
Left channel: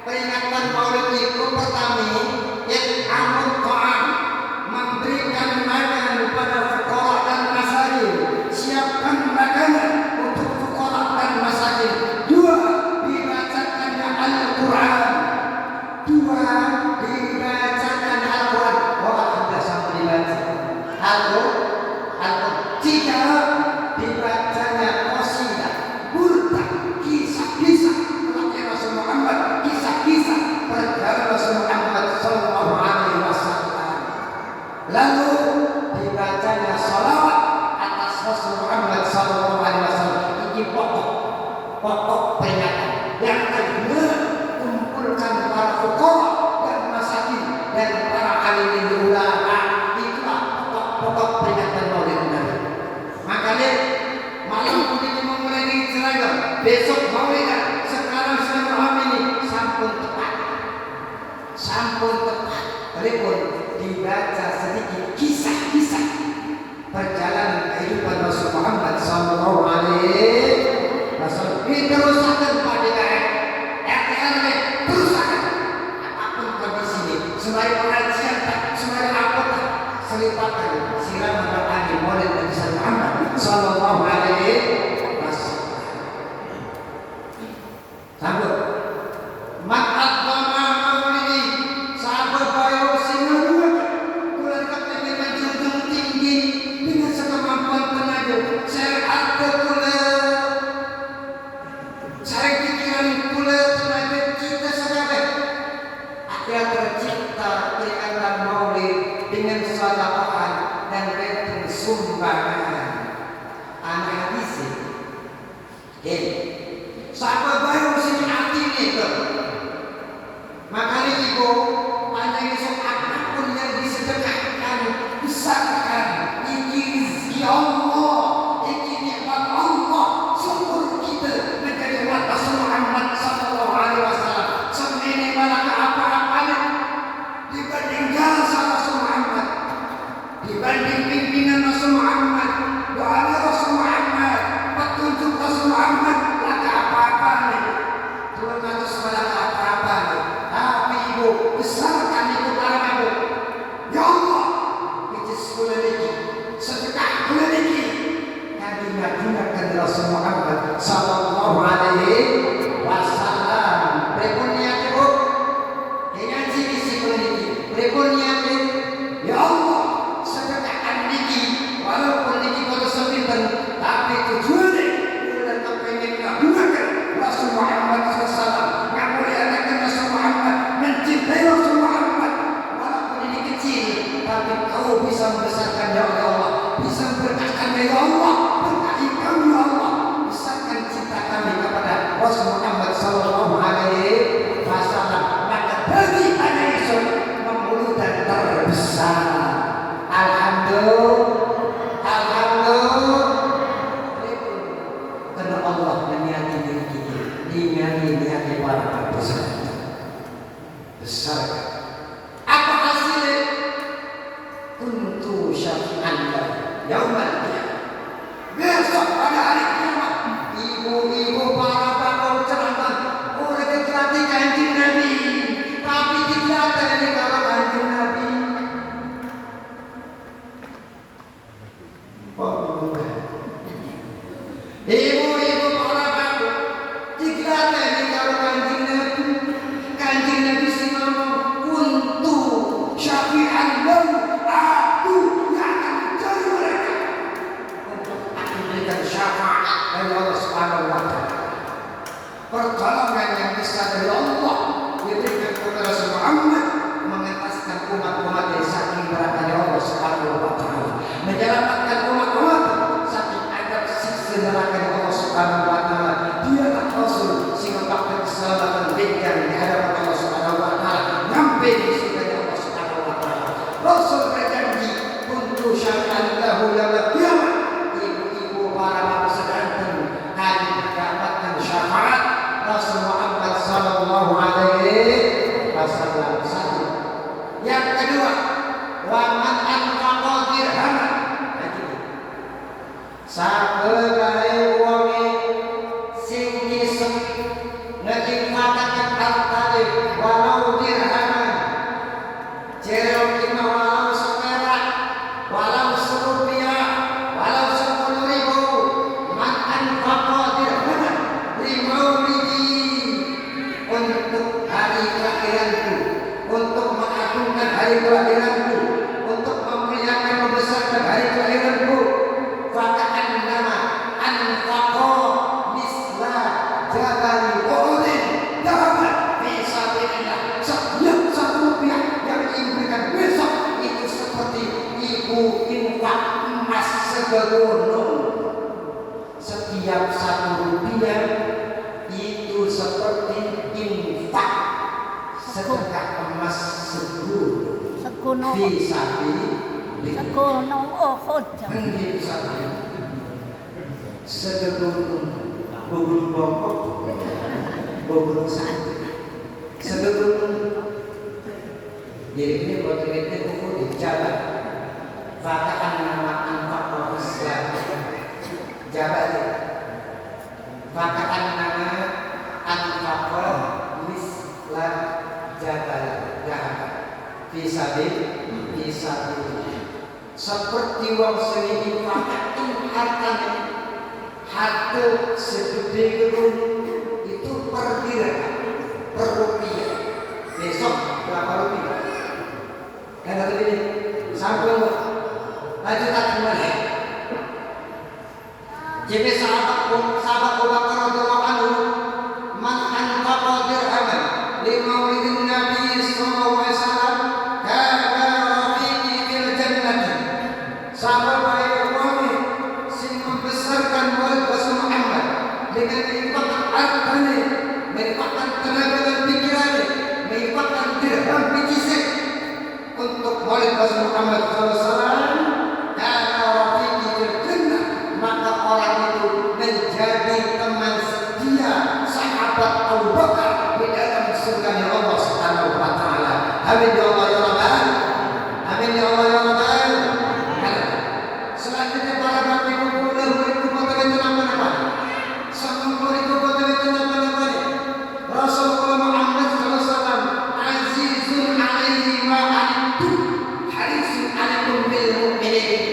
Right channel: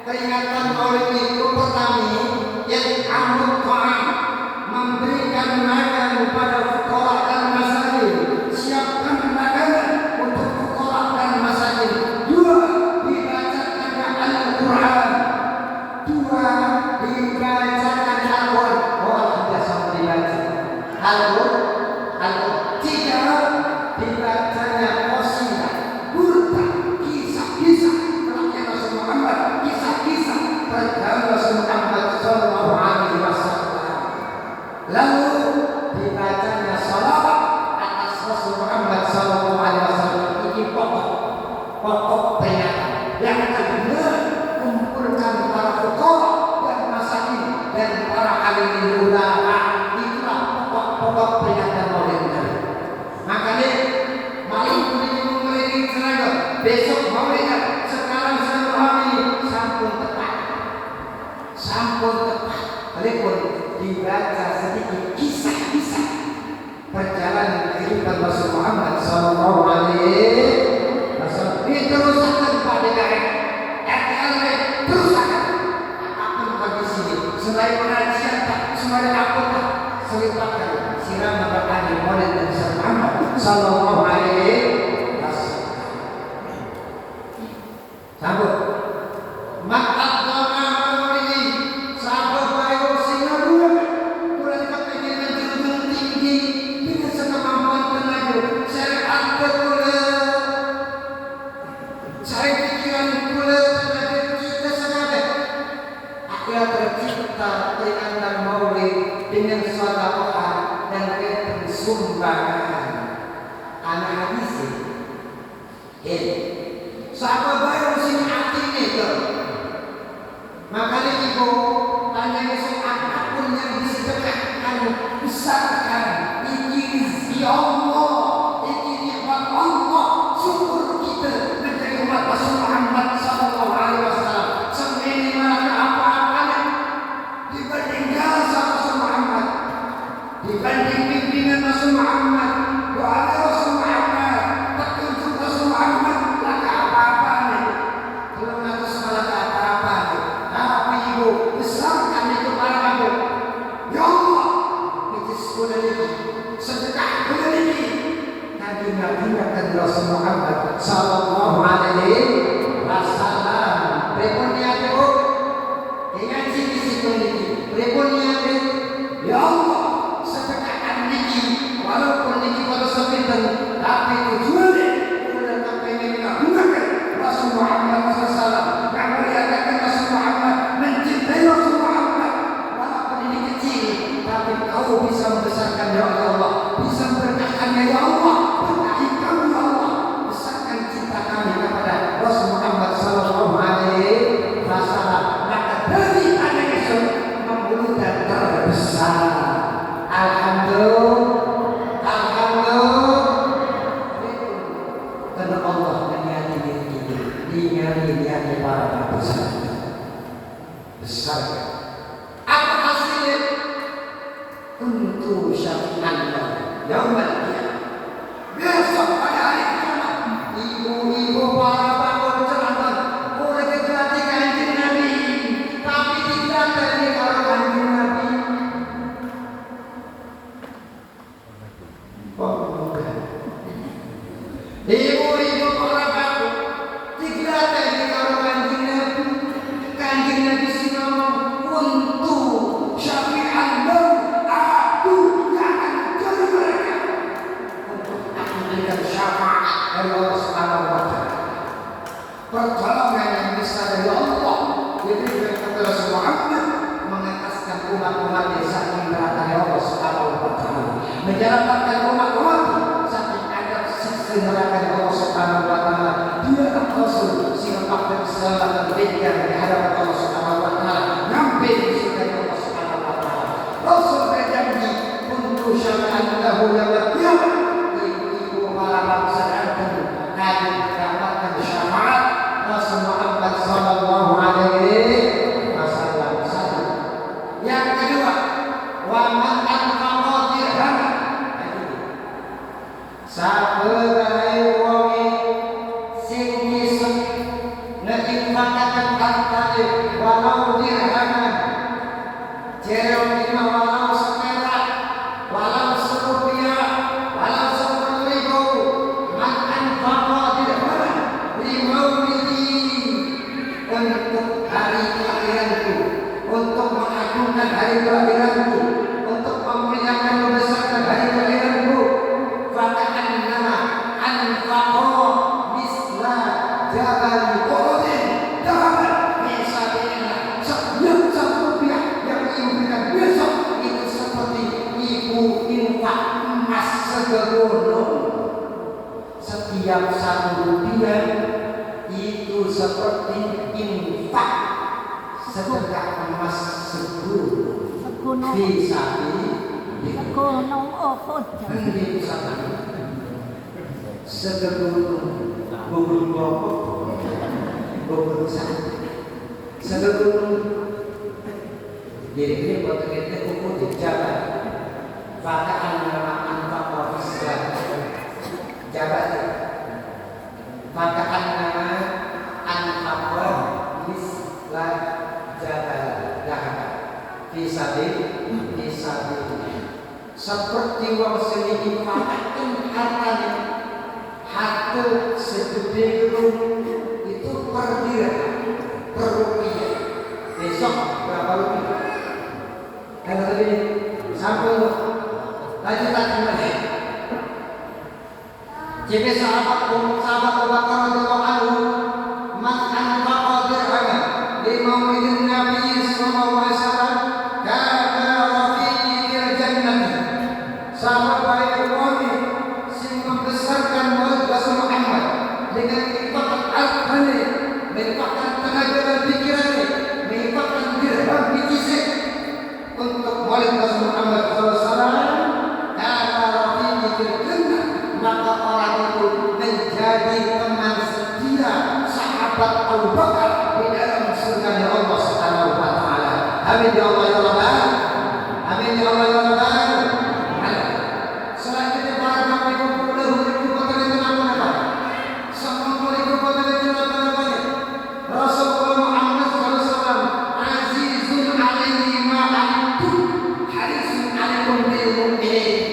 Peringatan maulid itu pertama yang anut Tuhan, memberikan makan kepada fuqara dan masakin, siapkan makanan untuk fuqara dan masakin. Dua, dibacakan Al-Quran. Dua, dibacakan Al-Quran. Oh, sudah sampai dibaca Al-Quran. Tiga, dibacanya qasidah, burda, kisah-kisah tentang Rasul Muhammad, kisah-kisah tentang Rasul Muhammad sallallahu alaihi wasallam. Lalu dibacanya salawat atas Rasul Muhammad sallallahu alaihi wasallam. Ini pokok peringatan. Yang kedua, kumpulkan para fuqara dan masakin dan para alim ulama. Itulah pokok peringatan maulid Nabi. Makanya malam ini mulai dijelaskan. Besok maulid, sekarang saya memahami ini sampun tepat. Sampun tepat. Walaupun dibaca sedikit kisah-kisah perjalanan kehidupan Rasul Muhammad sallallahu alaihi wasallam. Ini terusakan Pak DKM, RT terusakan. Apapun kondisi ini, sembari pengajian, sembari apa, selipatkan siram memberkati maulid Nabi Muhammad sallallahu alaihi wasallam. Sambut. Man agama maulidi, sahabat bayo sinurun, mulai kepengen menjunjung tinggi dengan sekemampuan tenaga. Saya ada pula, saya pikiran pula tenaga kita sahabat. Akhirnya tercipta peringatan maulid dengan sedekah dan sumbangan. Anak hadis ini. Sahabat bayo sini hati ni ke. Makanya ibu hanya esok apapun yang disedekahkan, besarkan. Ini rezeki Allah, ini nikmat Allah. Syukur kita menjadi umat Rasul Muhammad sallallahu alaihi wasallam. Semua ini malah apa-apa dibanding jasa Rasul Muhammad, dibanding pimpinan Rasul Muhammad, doa Rasul Muhammad, petunjuk Rasul Muhammad. Laka apa-apa nih, belum harus malah apa-apa nih. Tapi ibu besarkan itu barang ibu. Ya Allah, itu sekolah lagi, sedekah boleh lagi. Nabi menggunakan Rasul Muhammad sallallahu alaihi wasallam. Berikutnya ibu, dengan sisi ini, berikutnya ya Allah, sedekahkan niki, walaupun niki baru sepinten, tapi tujuannya udah kepengen menggunakan Rasul Muhammad SAW, memuliakan Rasul Muhammad, mencintai Rasul Muhammad. Walaupun ini kecil, tapi kau bisa membesarkan ya Allah, bisa memberkahkannya ya Allah, berkahi kami ya Allah, besarkan cinta kami kepada Rasul Muhammad sallallahu alaihi wasallam. Maka dari anak Yesus membunuh dan terbesar. Alhamdulillah, alhamdulillah. Karena Allah menyati diri kita, dinyati para besar. Besar. Apa hasilnya? Untuk syafi'an yaumal qiyamah. Besok pada hari kiamat, ibu-ibu para bakul ceramah boleh kegelati kanjeng Nabi, tapi tidak dari kalau kanjeng Nabi. Ibu-ibu para bakul digelati menyelamatkan umat-umat saking adab siksa neraka Allah Subhanahu wa taala. Dialah Rasul sing bakal selamatkan bintang di hadapan Allah Subhanahu wa taala sampai di surga Allah Subhanahu wa taala. Rasul berjanji untuk syafa'an lahu yaumil qiyamah. Ibu para bangsa antum akan mendapatkan syafaat Rasul Muhammad sallallahu alaihi wasallam. Satu. Yang kedua, wa man anfaqa dirhaman. Saberai wonge sing bisa ngeinfakkan hartane walau dirhaman. Jerem lima walau seperak, walau serupiah, walau 10.000. Man anfaqa dirhaman limaulidi, untuk hari kelahiranku, untuk mengagungkan hari kelahiranku, untuk memeriahkan membesarkan hari kelahiranku. Faka'annama anfaqa misla jabal Uhudin dahaban fi sabilillah. Setiap 1 rupiah yang diinfakkan besok itu seperti ibu infak emas segegono. Setiap 1 rupiah itu seperti infak sedekah emas segegono fi sabilillah. Gunung Uhud. Segegono bubur bokok, bubur sate, segegono. Jadi potongnya kuku di jalan. Faka'an nama anfaqa Islam. Jabat. Faka'an nama anfaqa Islam jabal dahab. Fisabil. Seperti wong sing infakkan hartanya, harta segede gunung itu per dirham, per rupiah. Besok berapa rupiah? Kata tadi sampai lagi tak kembali. Jadi sahabat Abu Bakar radhiyallahu anhu, man anfaqa dirhaman li maulidin Nabi sallallahu alaihi wasallam kana rafiqi fil jannah. Sahabat baik Umami sing membesarkan Maulid Rasul Muhammad dengan menginfakkan hartanya, menginfakkan tenaga dan pikirannya, menginfakkan dirham biji untuk Maulid Rasul Muhammad SAW. Karena rafiqi fil jannah, maka orang itu menjadi teman setia sahabat Abu Bakar di dalam surga Allah Subhanahu wa taala. Amin ya Allah ya Rabbal. Amin ya Allah ya Rabbal. Selanjutnya para bapak ibu boleh potongan apa? 10.000 potongan apa? Rasulullah Muhammad SAW azizun alaihi ma antum harisun alaikum bil mu'minin.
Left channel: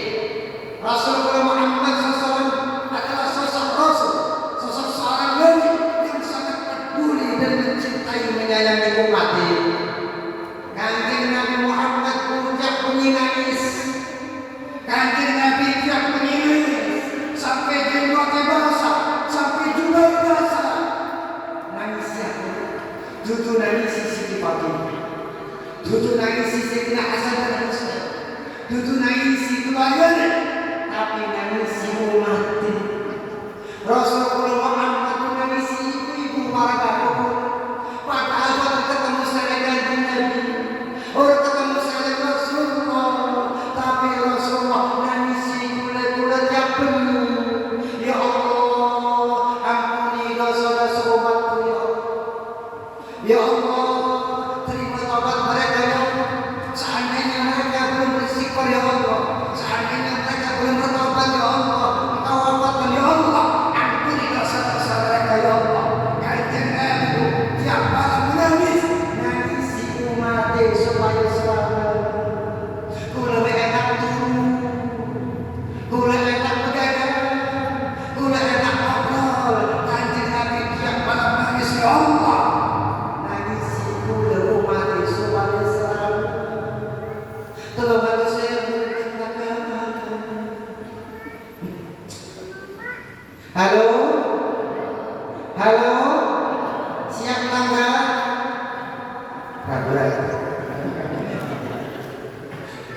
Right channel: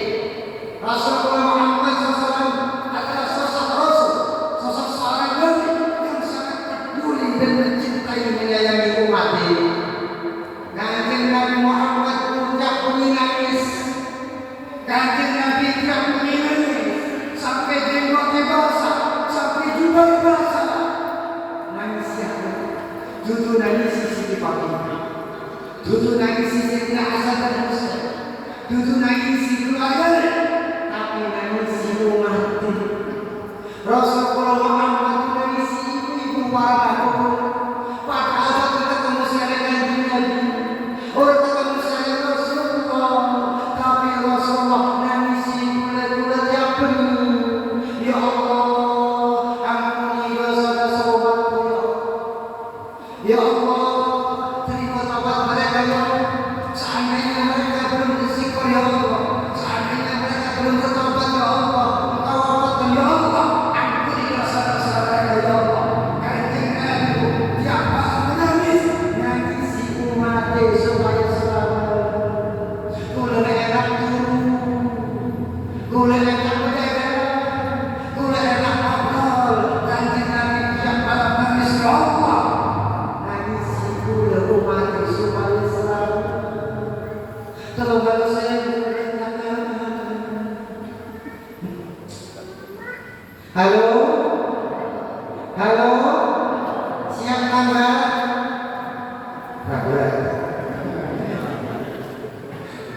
Rasulullah Muhammad SAW adalah sosok Rasul, sosok seorang nabi yang sangat peduli dan mencintai menyayangi umatnya. Kanjeng Nabi Muhammad puncak menangis. Kanjeng Nabi tidak menangis sampai jenggotnya basah, sampai jubah basah. Nangis ya, dudu nangis Siti Fatimah, dudu nangis Sayyidina Hasan dan Husain, dudu nangis keluarga, tapi nangis umat. Rasulullah Muhammad nangis ibu para bapak. Padahal waktu ketemu saya Kanjeng Nabi, orang ketemu saya Rasulullah, tapi Rasulullah nangis gula-gula japen. Ya Allah, ampuni dosa-dosa umatku ya Allah. Ya Allah, terima taubat mereka ya Allah. Seandainya mereka belum beristighfar ya Allah, seandainya mereka belum bertobat ya Allah, engkau wafatkan ya Allah, ampuni dosa-dosa mereka ya Allah. Kanjeng Nabi tiap malam menangis, nangisi umatnya supaya selamat. Gula enak turun, gula enak begadang, gula enak ngobrol. Kanjeng Nabi tiap malam nangis ya Allah, nangisi gula umatnya supaya selamat. Tolong kalau saya beritakan. Halo, halo, siap kamera?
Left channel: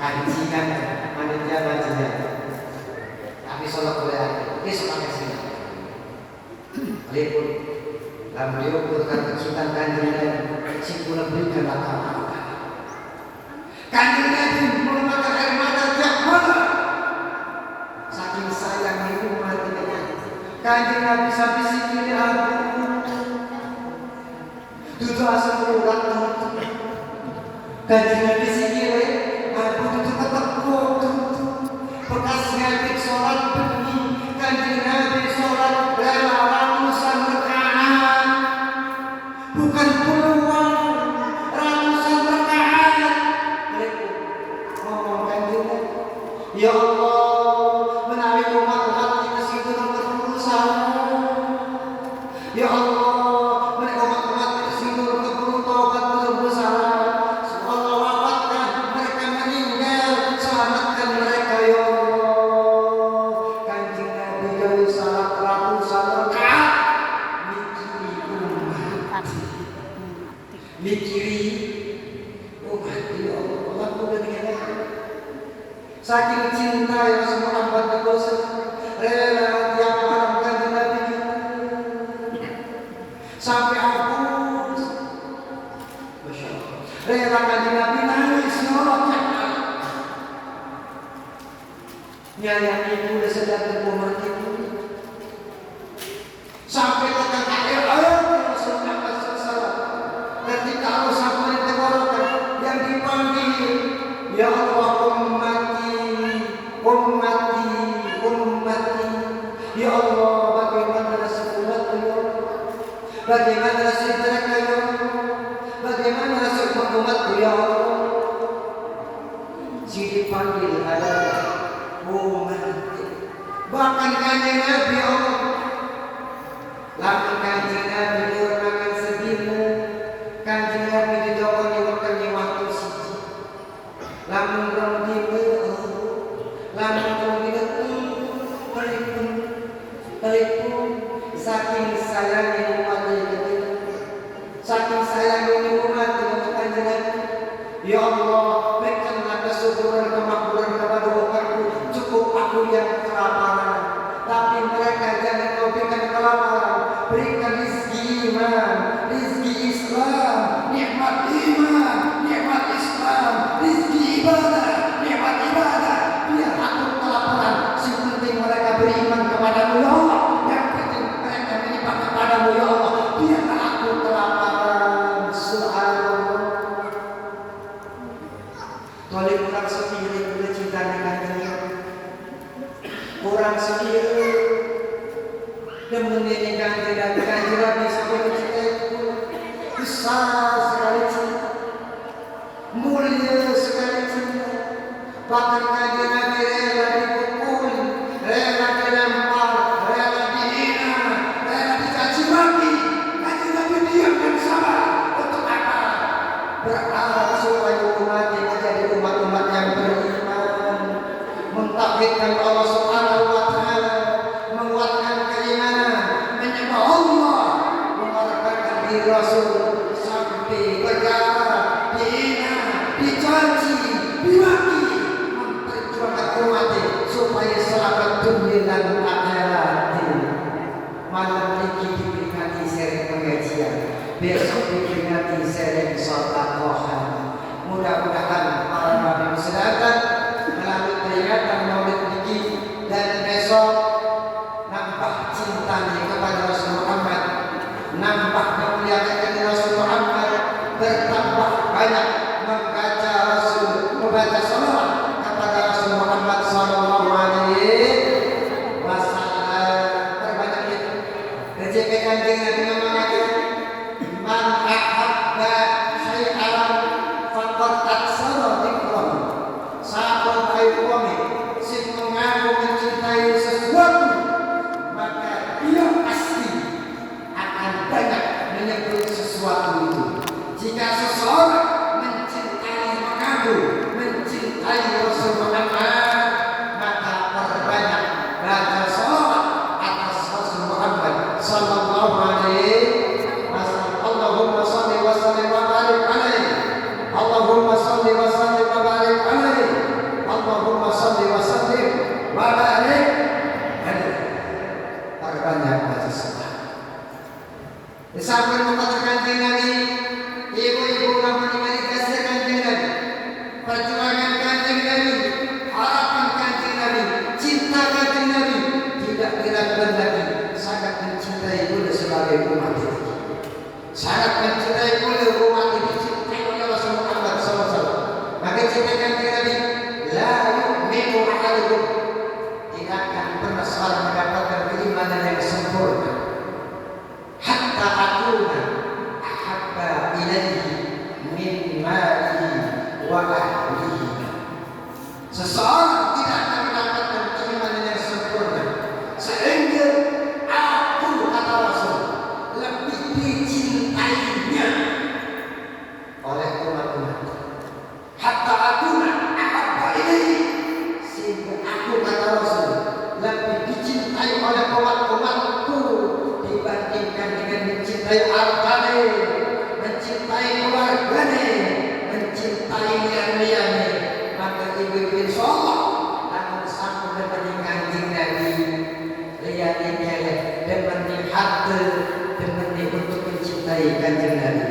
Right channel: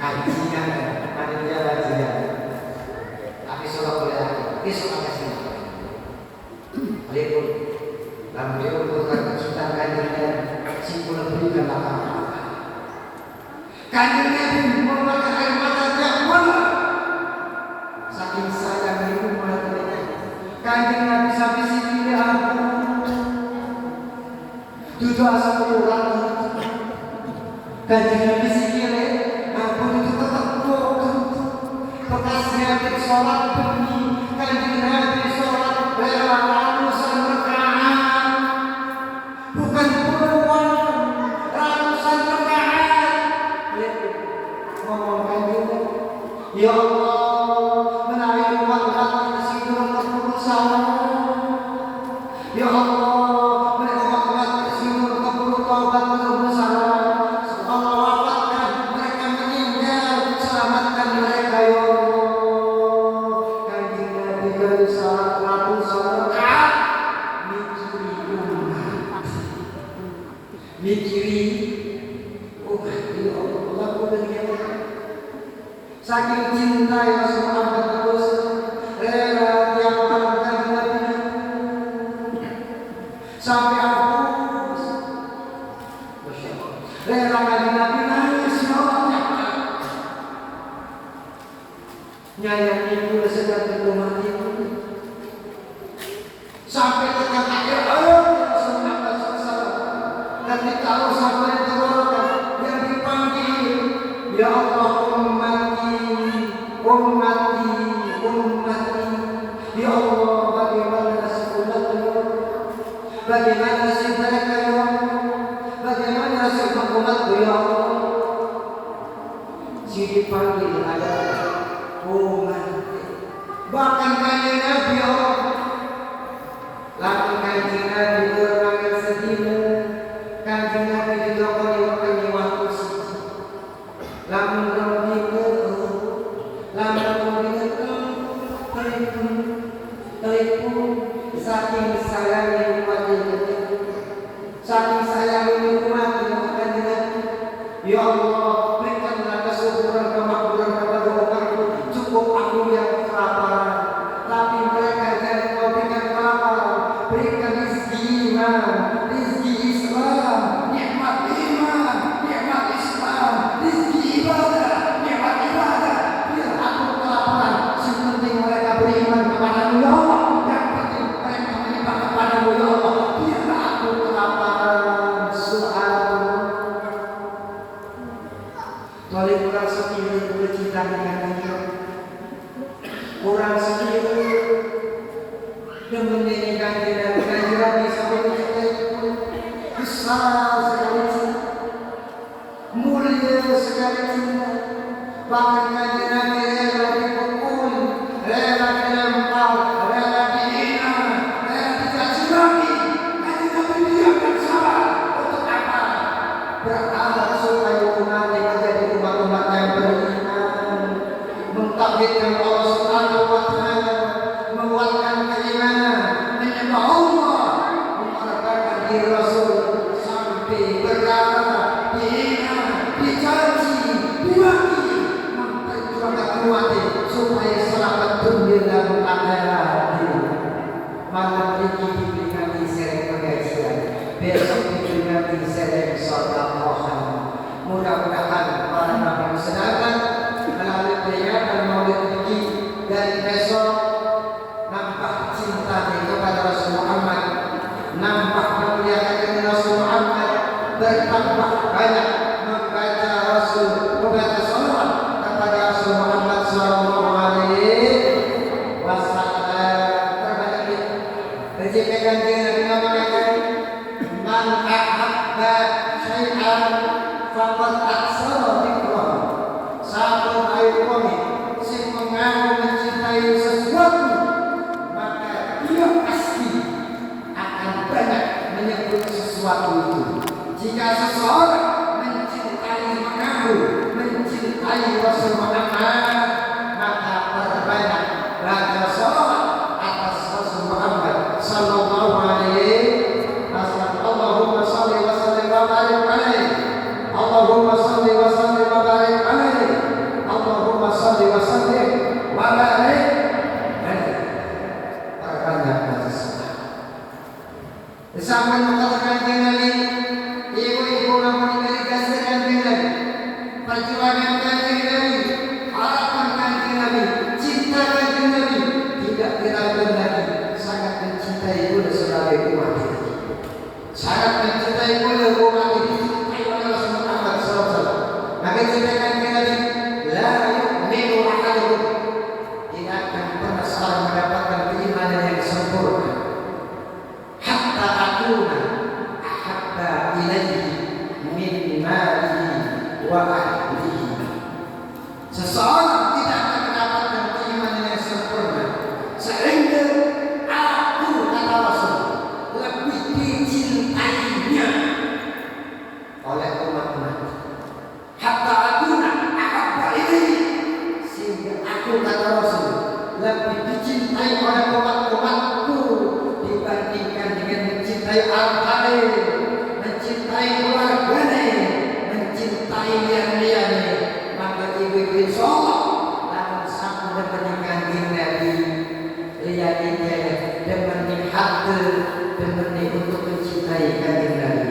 Kajian, panitia kajian. Lalu diukurkan kecintaan Kanjeng Nabi, si kula berikan apa-apa. Kanjeng Nabi mengeluarkan air mata tiap malam. Saking sayang di umat ini. Kanjeng Nabi sampai sini ampun. Tujuh asal ulang. Kanjeng Nabi sini ampun itu tetap bodoh. Bekasnya di sholat demi Kanjeng Nabi sholat rela ratusan rakaat. Bukan puluhan, ratusan rakaat. Ngomong Kanjeng Nabi, ya Allah, menawi umat-umat kita situ nomor berusaha. Ya Allah, menawi umat-umat kita situ nomor bertobat berusaha. Allah wafatkan mereka meninggal, selamatkan mereka ya Allah. Kanjeng Nabi jadi salat ratusan rakaat, mikiri umat, mikiri umat ya Allah. Aku dengan saking cinta yang Muhammad rela tiap malam Kanjeng Nabi sampai hapus. Rela Kanjeng Nabi nangis nyolotnya. Nyayang ibu sedang berkumat itu sampai tekan akhir ayat yang sunnah salat. Ketika Allah sampai tenggorokan yang dipanggil, ya Allah ummati, ya Allah, bagaimana nasib umatku ya Allah, bagaimana nasib mereka ya Allah, bagaimana nasib umatku ya Allah. Si dipanggil adalah ummati, bahkan Kanjeng Nabi ya Allah, lamun Kanjeng Nabi berangan sedina, Kanjeng Nabi didokoni waktu waktu siji, lamun rondine saking sayangnya umat ini, saking sayangnya umat ini, ya Allah, berikanlah kesuburan kemakmuran kepada umatku. Cukup aku yang kelaparan, tapi mereka jangan kau berikan kelaparan. Berikan rizki iman, rizki Islam, nikmat iman, nikmat Islam, rizki ibadah, nikmat ibadah. Biar aku kelaparan, si penting mereka beriman kepadamu ya Allah. Yang penting mereka menyembah kepadamu ya Allah. Biarlah aku kelaparan. Subhanallah. Tolong kurang sekiranya boleh cinta dengan dia. Kurang sekiranya dan menyanyikan dan Kanjeng Nabi sampai mencintai itu besar sekali cinta, mulia sekali cinta. Bahkan Kanjeng Nabi rela dipukul, rela dilempar, rela dihina, rela dicaci maki. Kanjeng Nabi diam dan sabar. Untuk apa? Berkala supaya umatnya menjadi umat-umat yang beriman, mentauhidkan Allah Subhanahu wa Ta'ala, menguatkan keimanan, menyembah Allah, mengorbankan diri Rasul sampai berkata, dihina, dicaci, dimaki, memperjuangkan umatnya supaya selamat dunia dan akhirat. Malam ini diperingati sering pengajian, besok diperingati sering sholat rohani. Mudah-mudahan para nabi sedangkan melalui peringatan Maulid ini dan besok nampak cintanya kepada Rasul Muhammad, nampak memuliakan Rasul Muhammad, bertambah banyak membaca salawat kepada Rasul Muhammad sallallahu alaihi wasallam. Terbanyak itu rezeki Kanjeng Nabi mengatakan, man ahabba syai'an faqad aksara dzikrah. Satu ayu kami sing mengaku mencintai sesuatu, maka dia pasti akan banyak menyebut sesuatu itu. Jika seseorang mengaku mencintai Rasul Muhammad, maka perbanyak baca salawat atas Rasul Muhammad sallallahu alaihi umat-umatku dibandingkan dengan mencintai hartane, mencintai keluargane, mencintai lian-liane, maka ibu insyaallah namun sampun dengan Nabi lian-liane demeni hati, demeni untuk mencintai kanjeng Nabi,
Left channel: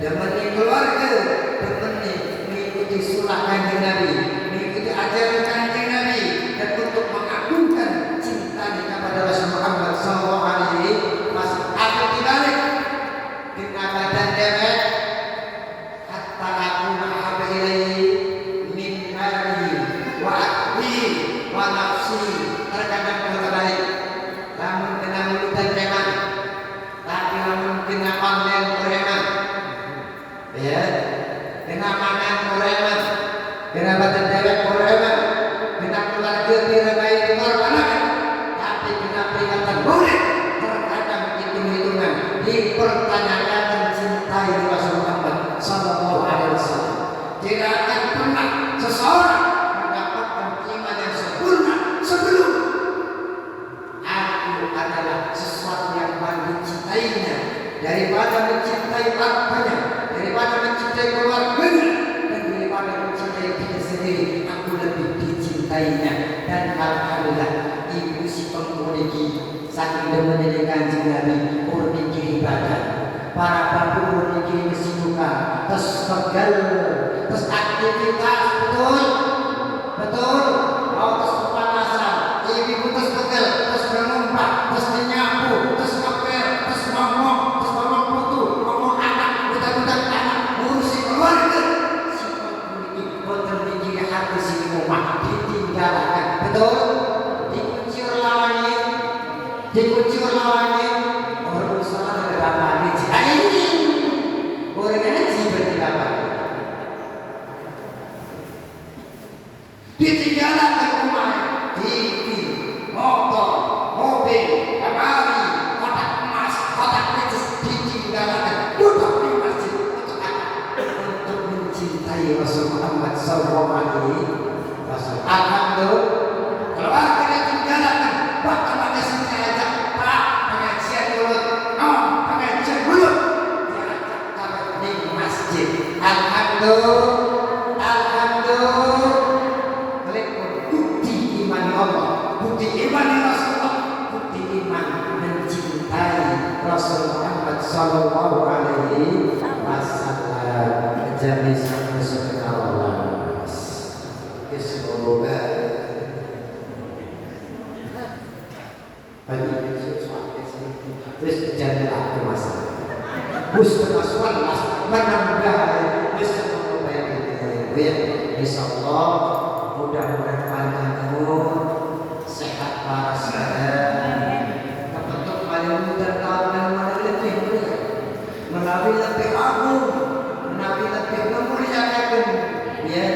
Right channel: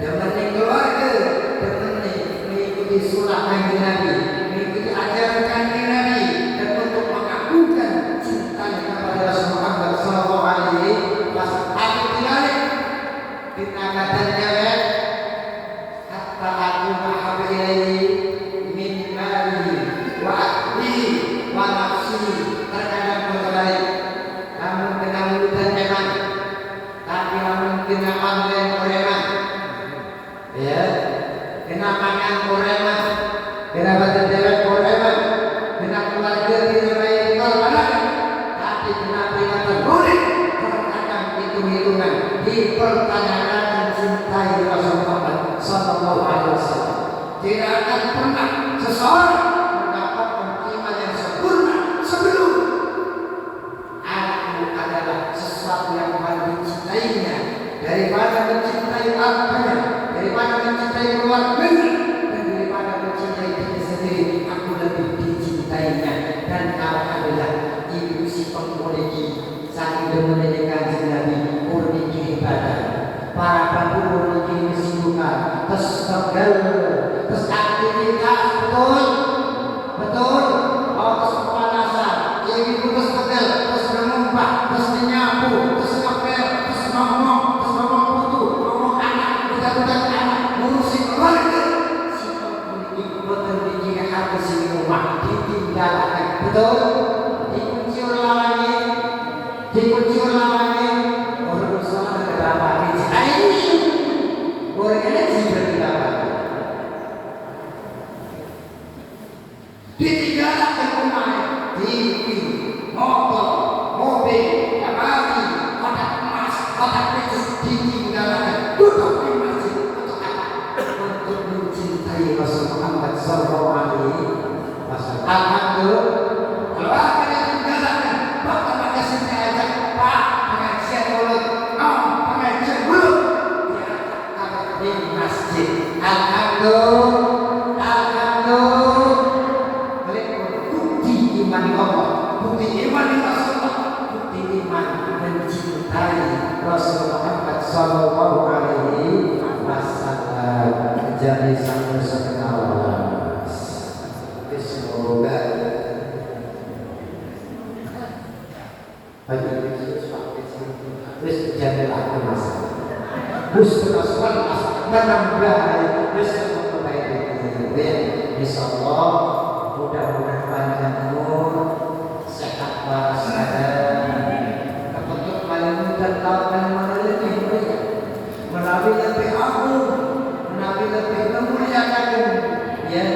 demeni keluarga, demeni mengikuti sunnah kanjeng Nabi, mengikuti ajaran kanjeng Nabi, dan untuk mengagungkan cintanya kepada Rasul Muhammad sallallahu alaihi wasallam. Aku dibalik dinamakan dewek hatta aku mahabba ilaihi min mali wa ahli wa nafsi. Terkadang berbalik namun kenal hutan memang, tapi namun kena online koreman, ya kena pangan koreman, kena badan dewek koreman, kena keluarga direbai korbanan, tapi kena peringatan murid. Terkadang hitung-hitungan dipertanyakan mencintai Rasul Muhammad sallallahu alaihi wasallam. Tidak akan pernah seseorang mendapatkan iman yang sempurna sebelum aku adalah sesuatu yang paling dicintainya daripada mencintai hartanya, daripada mencintai keluarganya, dan daripada mencintai diri sendiri. Aku lebih dicintainya. Dan alhamdulillah ibu si pengmuliki saking demennya kanjeng Nabi murniki ibadah, para babu murniki kesibukan, terus pegel, terus aktivitas, betul betul, terus kepanasan, ibu terus pegel, terus menumpah, terus menyapu, terus ngepel, terus ngomong putu, ngomong anak, budak-budak anak, ngurusi keluarga. Si pengmuliki boten bikin hati si rumah ditinggalkan, betul, dikuncur lawannya, orang salah ada apa ini? Orang ini seperti apa? Ditinggalkan rumah, TV, motor, mobil, lemari, kotak emas, kotak petis, ditinggalkan, duduk di masjid untuk apa? Untuk mencintai Rasul Muhammad sallallahu alaihi wasallam. Alhamdulillah, keluarga ditinggalkan, bapak kasih ajak Pak pengajian mulut, pengajian mulut, diajak di masjid. Alhamdulillah, bukti iman Allah, bukti iman Rasulullah, bukti iman mencintai Rasul Muhammad sallallahu alaihi wasallam. Jadi sama-sama Allah. Semoga bagi terus jadilah masalah. Puskesmas menambah besok memperbaiki. Insyaallah mudah-mudahan panjang umur, sehat walafiat, kebetul paling mudah tahun lebih mulia, melalui lebih agung, melalui lebih memuliakan, ya.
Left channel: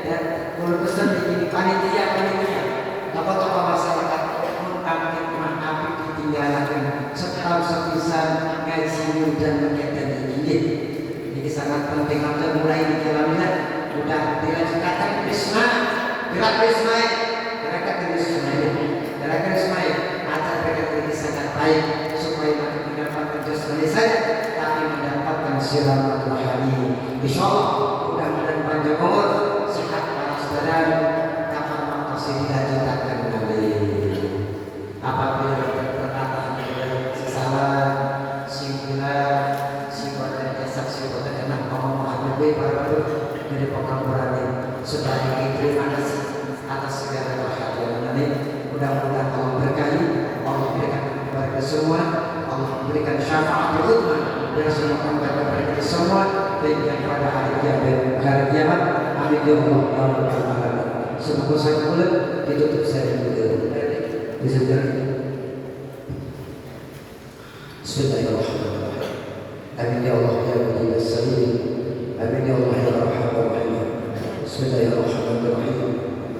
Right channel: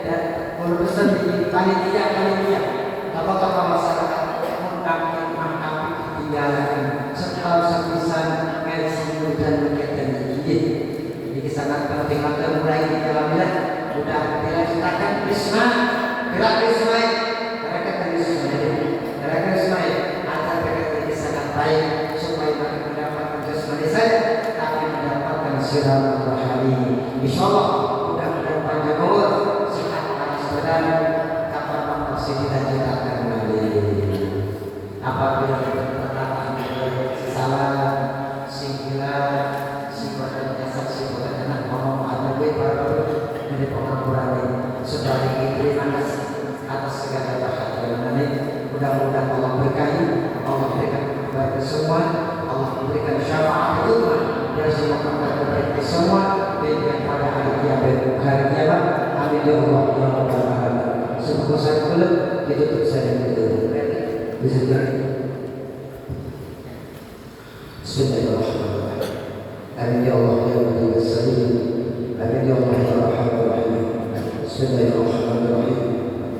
Dan kalau pesan di panitia apa masyarakat mengkamping api ditinggalkan setahun sepisan ngaji dan kegiatan ini. Jadi sangat penting untuk mulai dijalanilah. Sudah dilaksanakan Krisma, gerak Krisma, agar mereka sangat baik supaya mereka mendapatkan jasmani saja, tapi mendapatkan siratul rohani. Insyaallah mudah-mudahan panjang umur, sehat walafiat, kapal masih dicita-citakan kembali. Apabila perkataan si salah, si gila, si pada jasad, si pada kena ngomong lebih baru dari pengampuran ini. Sebagai terima kasih atas segala bahagia ini. Mudah-mudahan Allah berkahi, Allah berikan kepada kita semua, Allah memberikan syafaat itu dari semua kepada kita semua dan pada hari kiamat. Amin ya Allah. Semoga saya boleh ditutup saja dulu. Bismillahirrahmanirrahim. Amin ya Allah ya Rabbi Salim. Amin ya Allah ya Rahman Rahim. Bismillahirrahmanirrahim.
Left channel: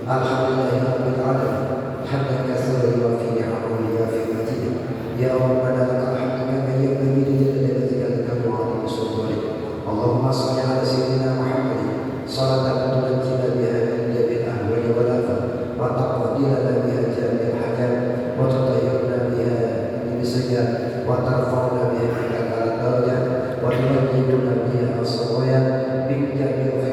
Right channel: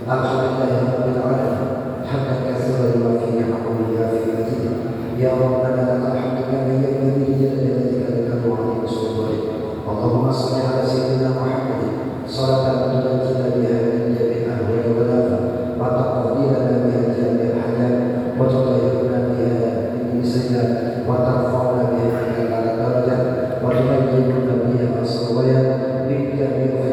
Alhamdulillahirabbil alamin. Hamdan katsiran yuwaffi ni'amahu wa yuwaffi madidah. Ya Rabbana lakal hamdu kama yanbaghi li jalali wajhika wa 'azimi sultanik. Allahumma shalli ala sayyidina Muhammad salatan tunajjina biha min jami'il ahwali wal afat wa taqdi lana biha jami'al hajat wa tutahhiruna biha yang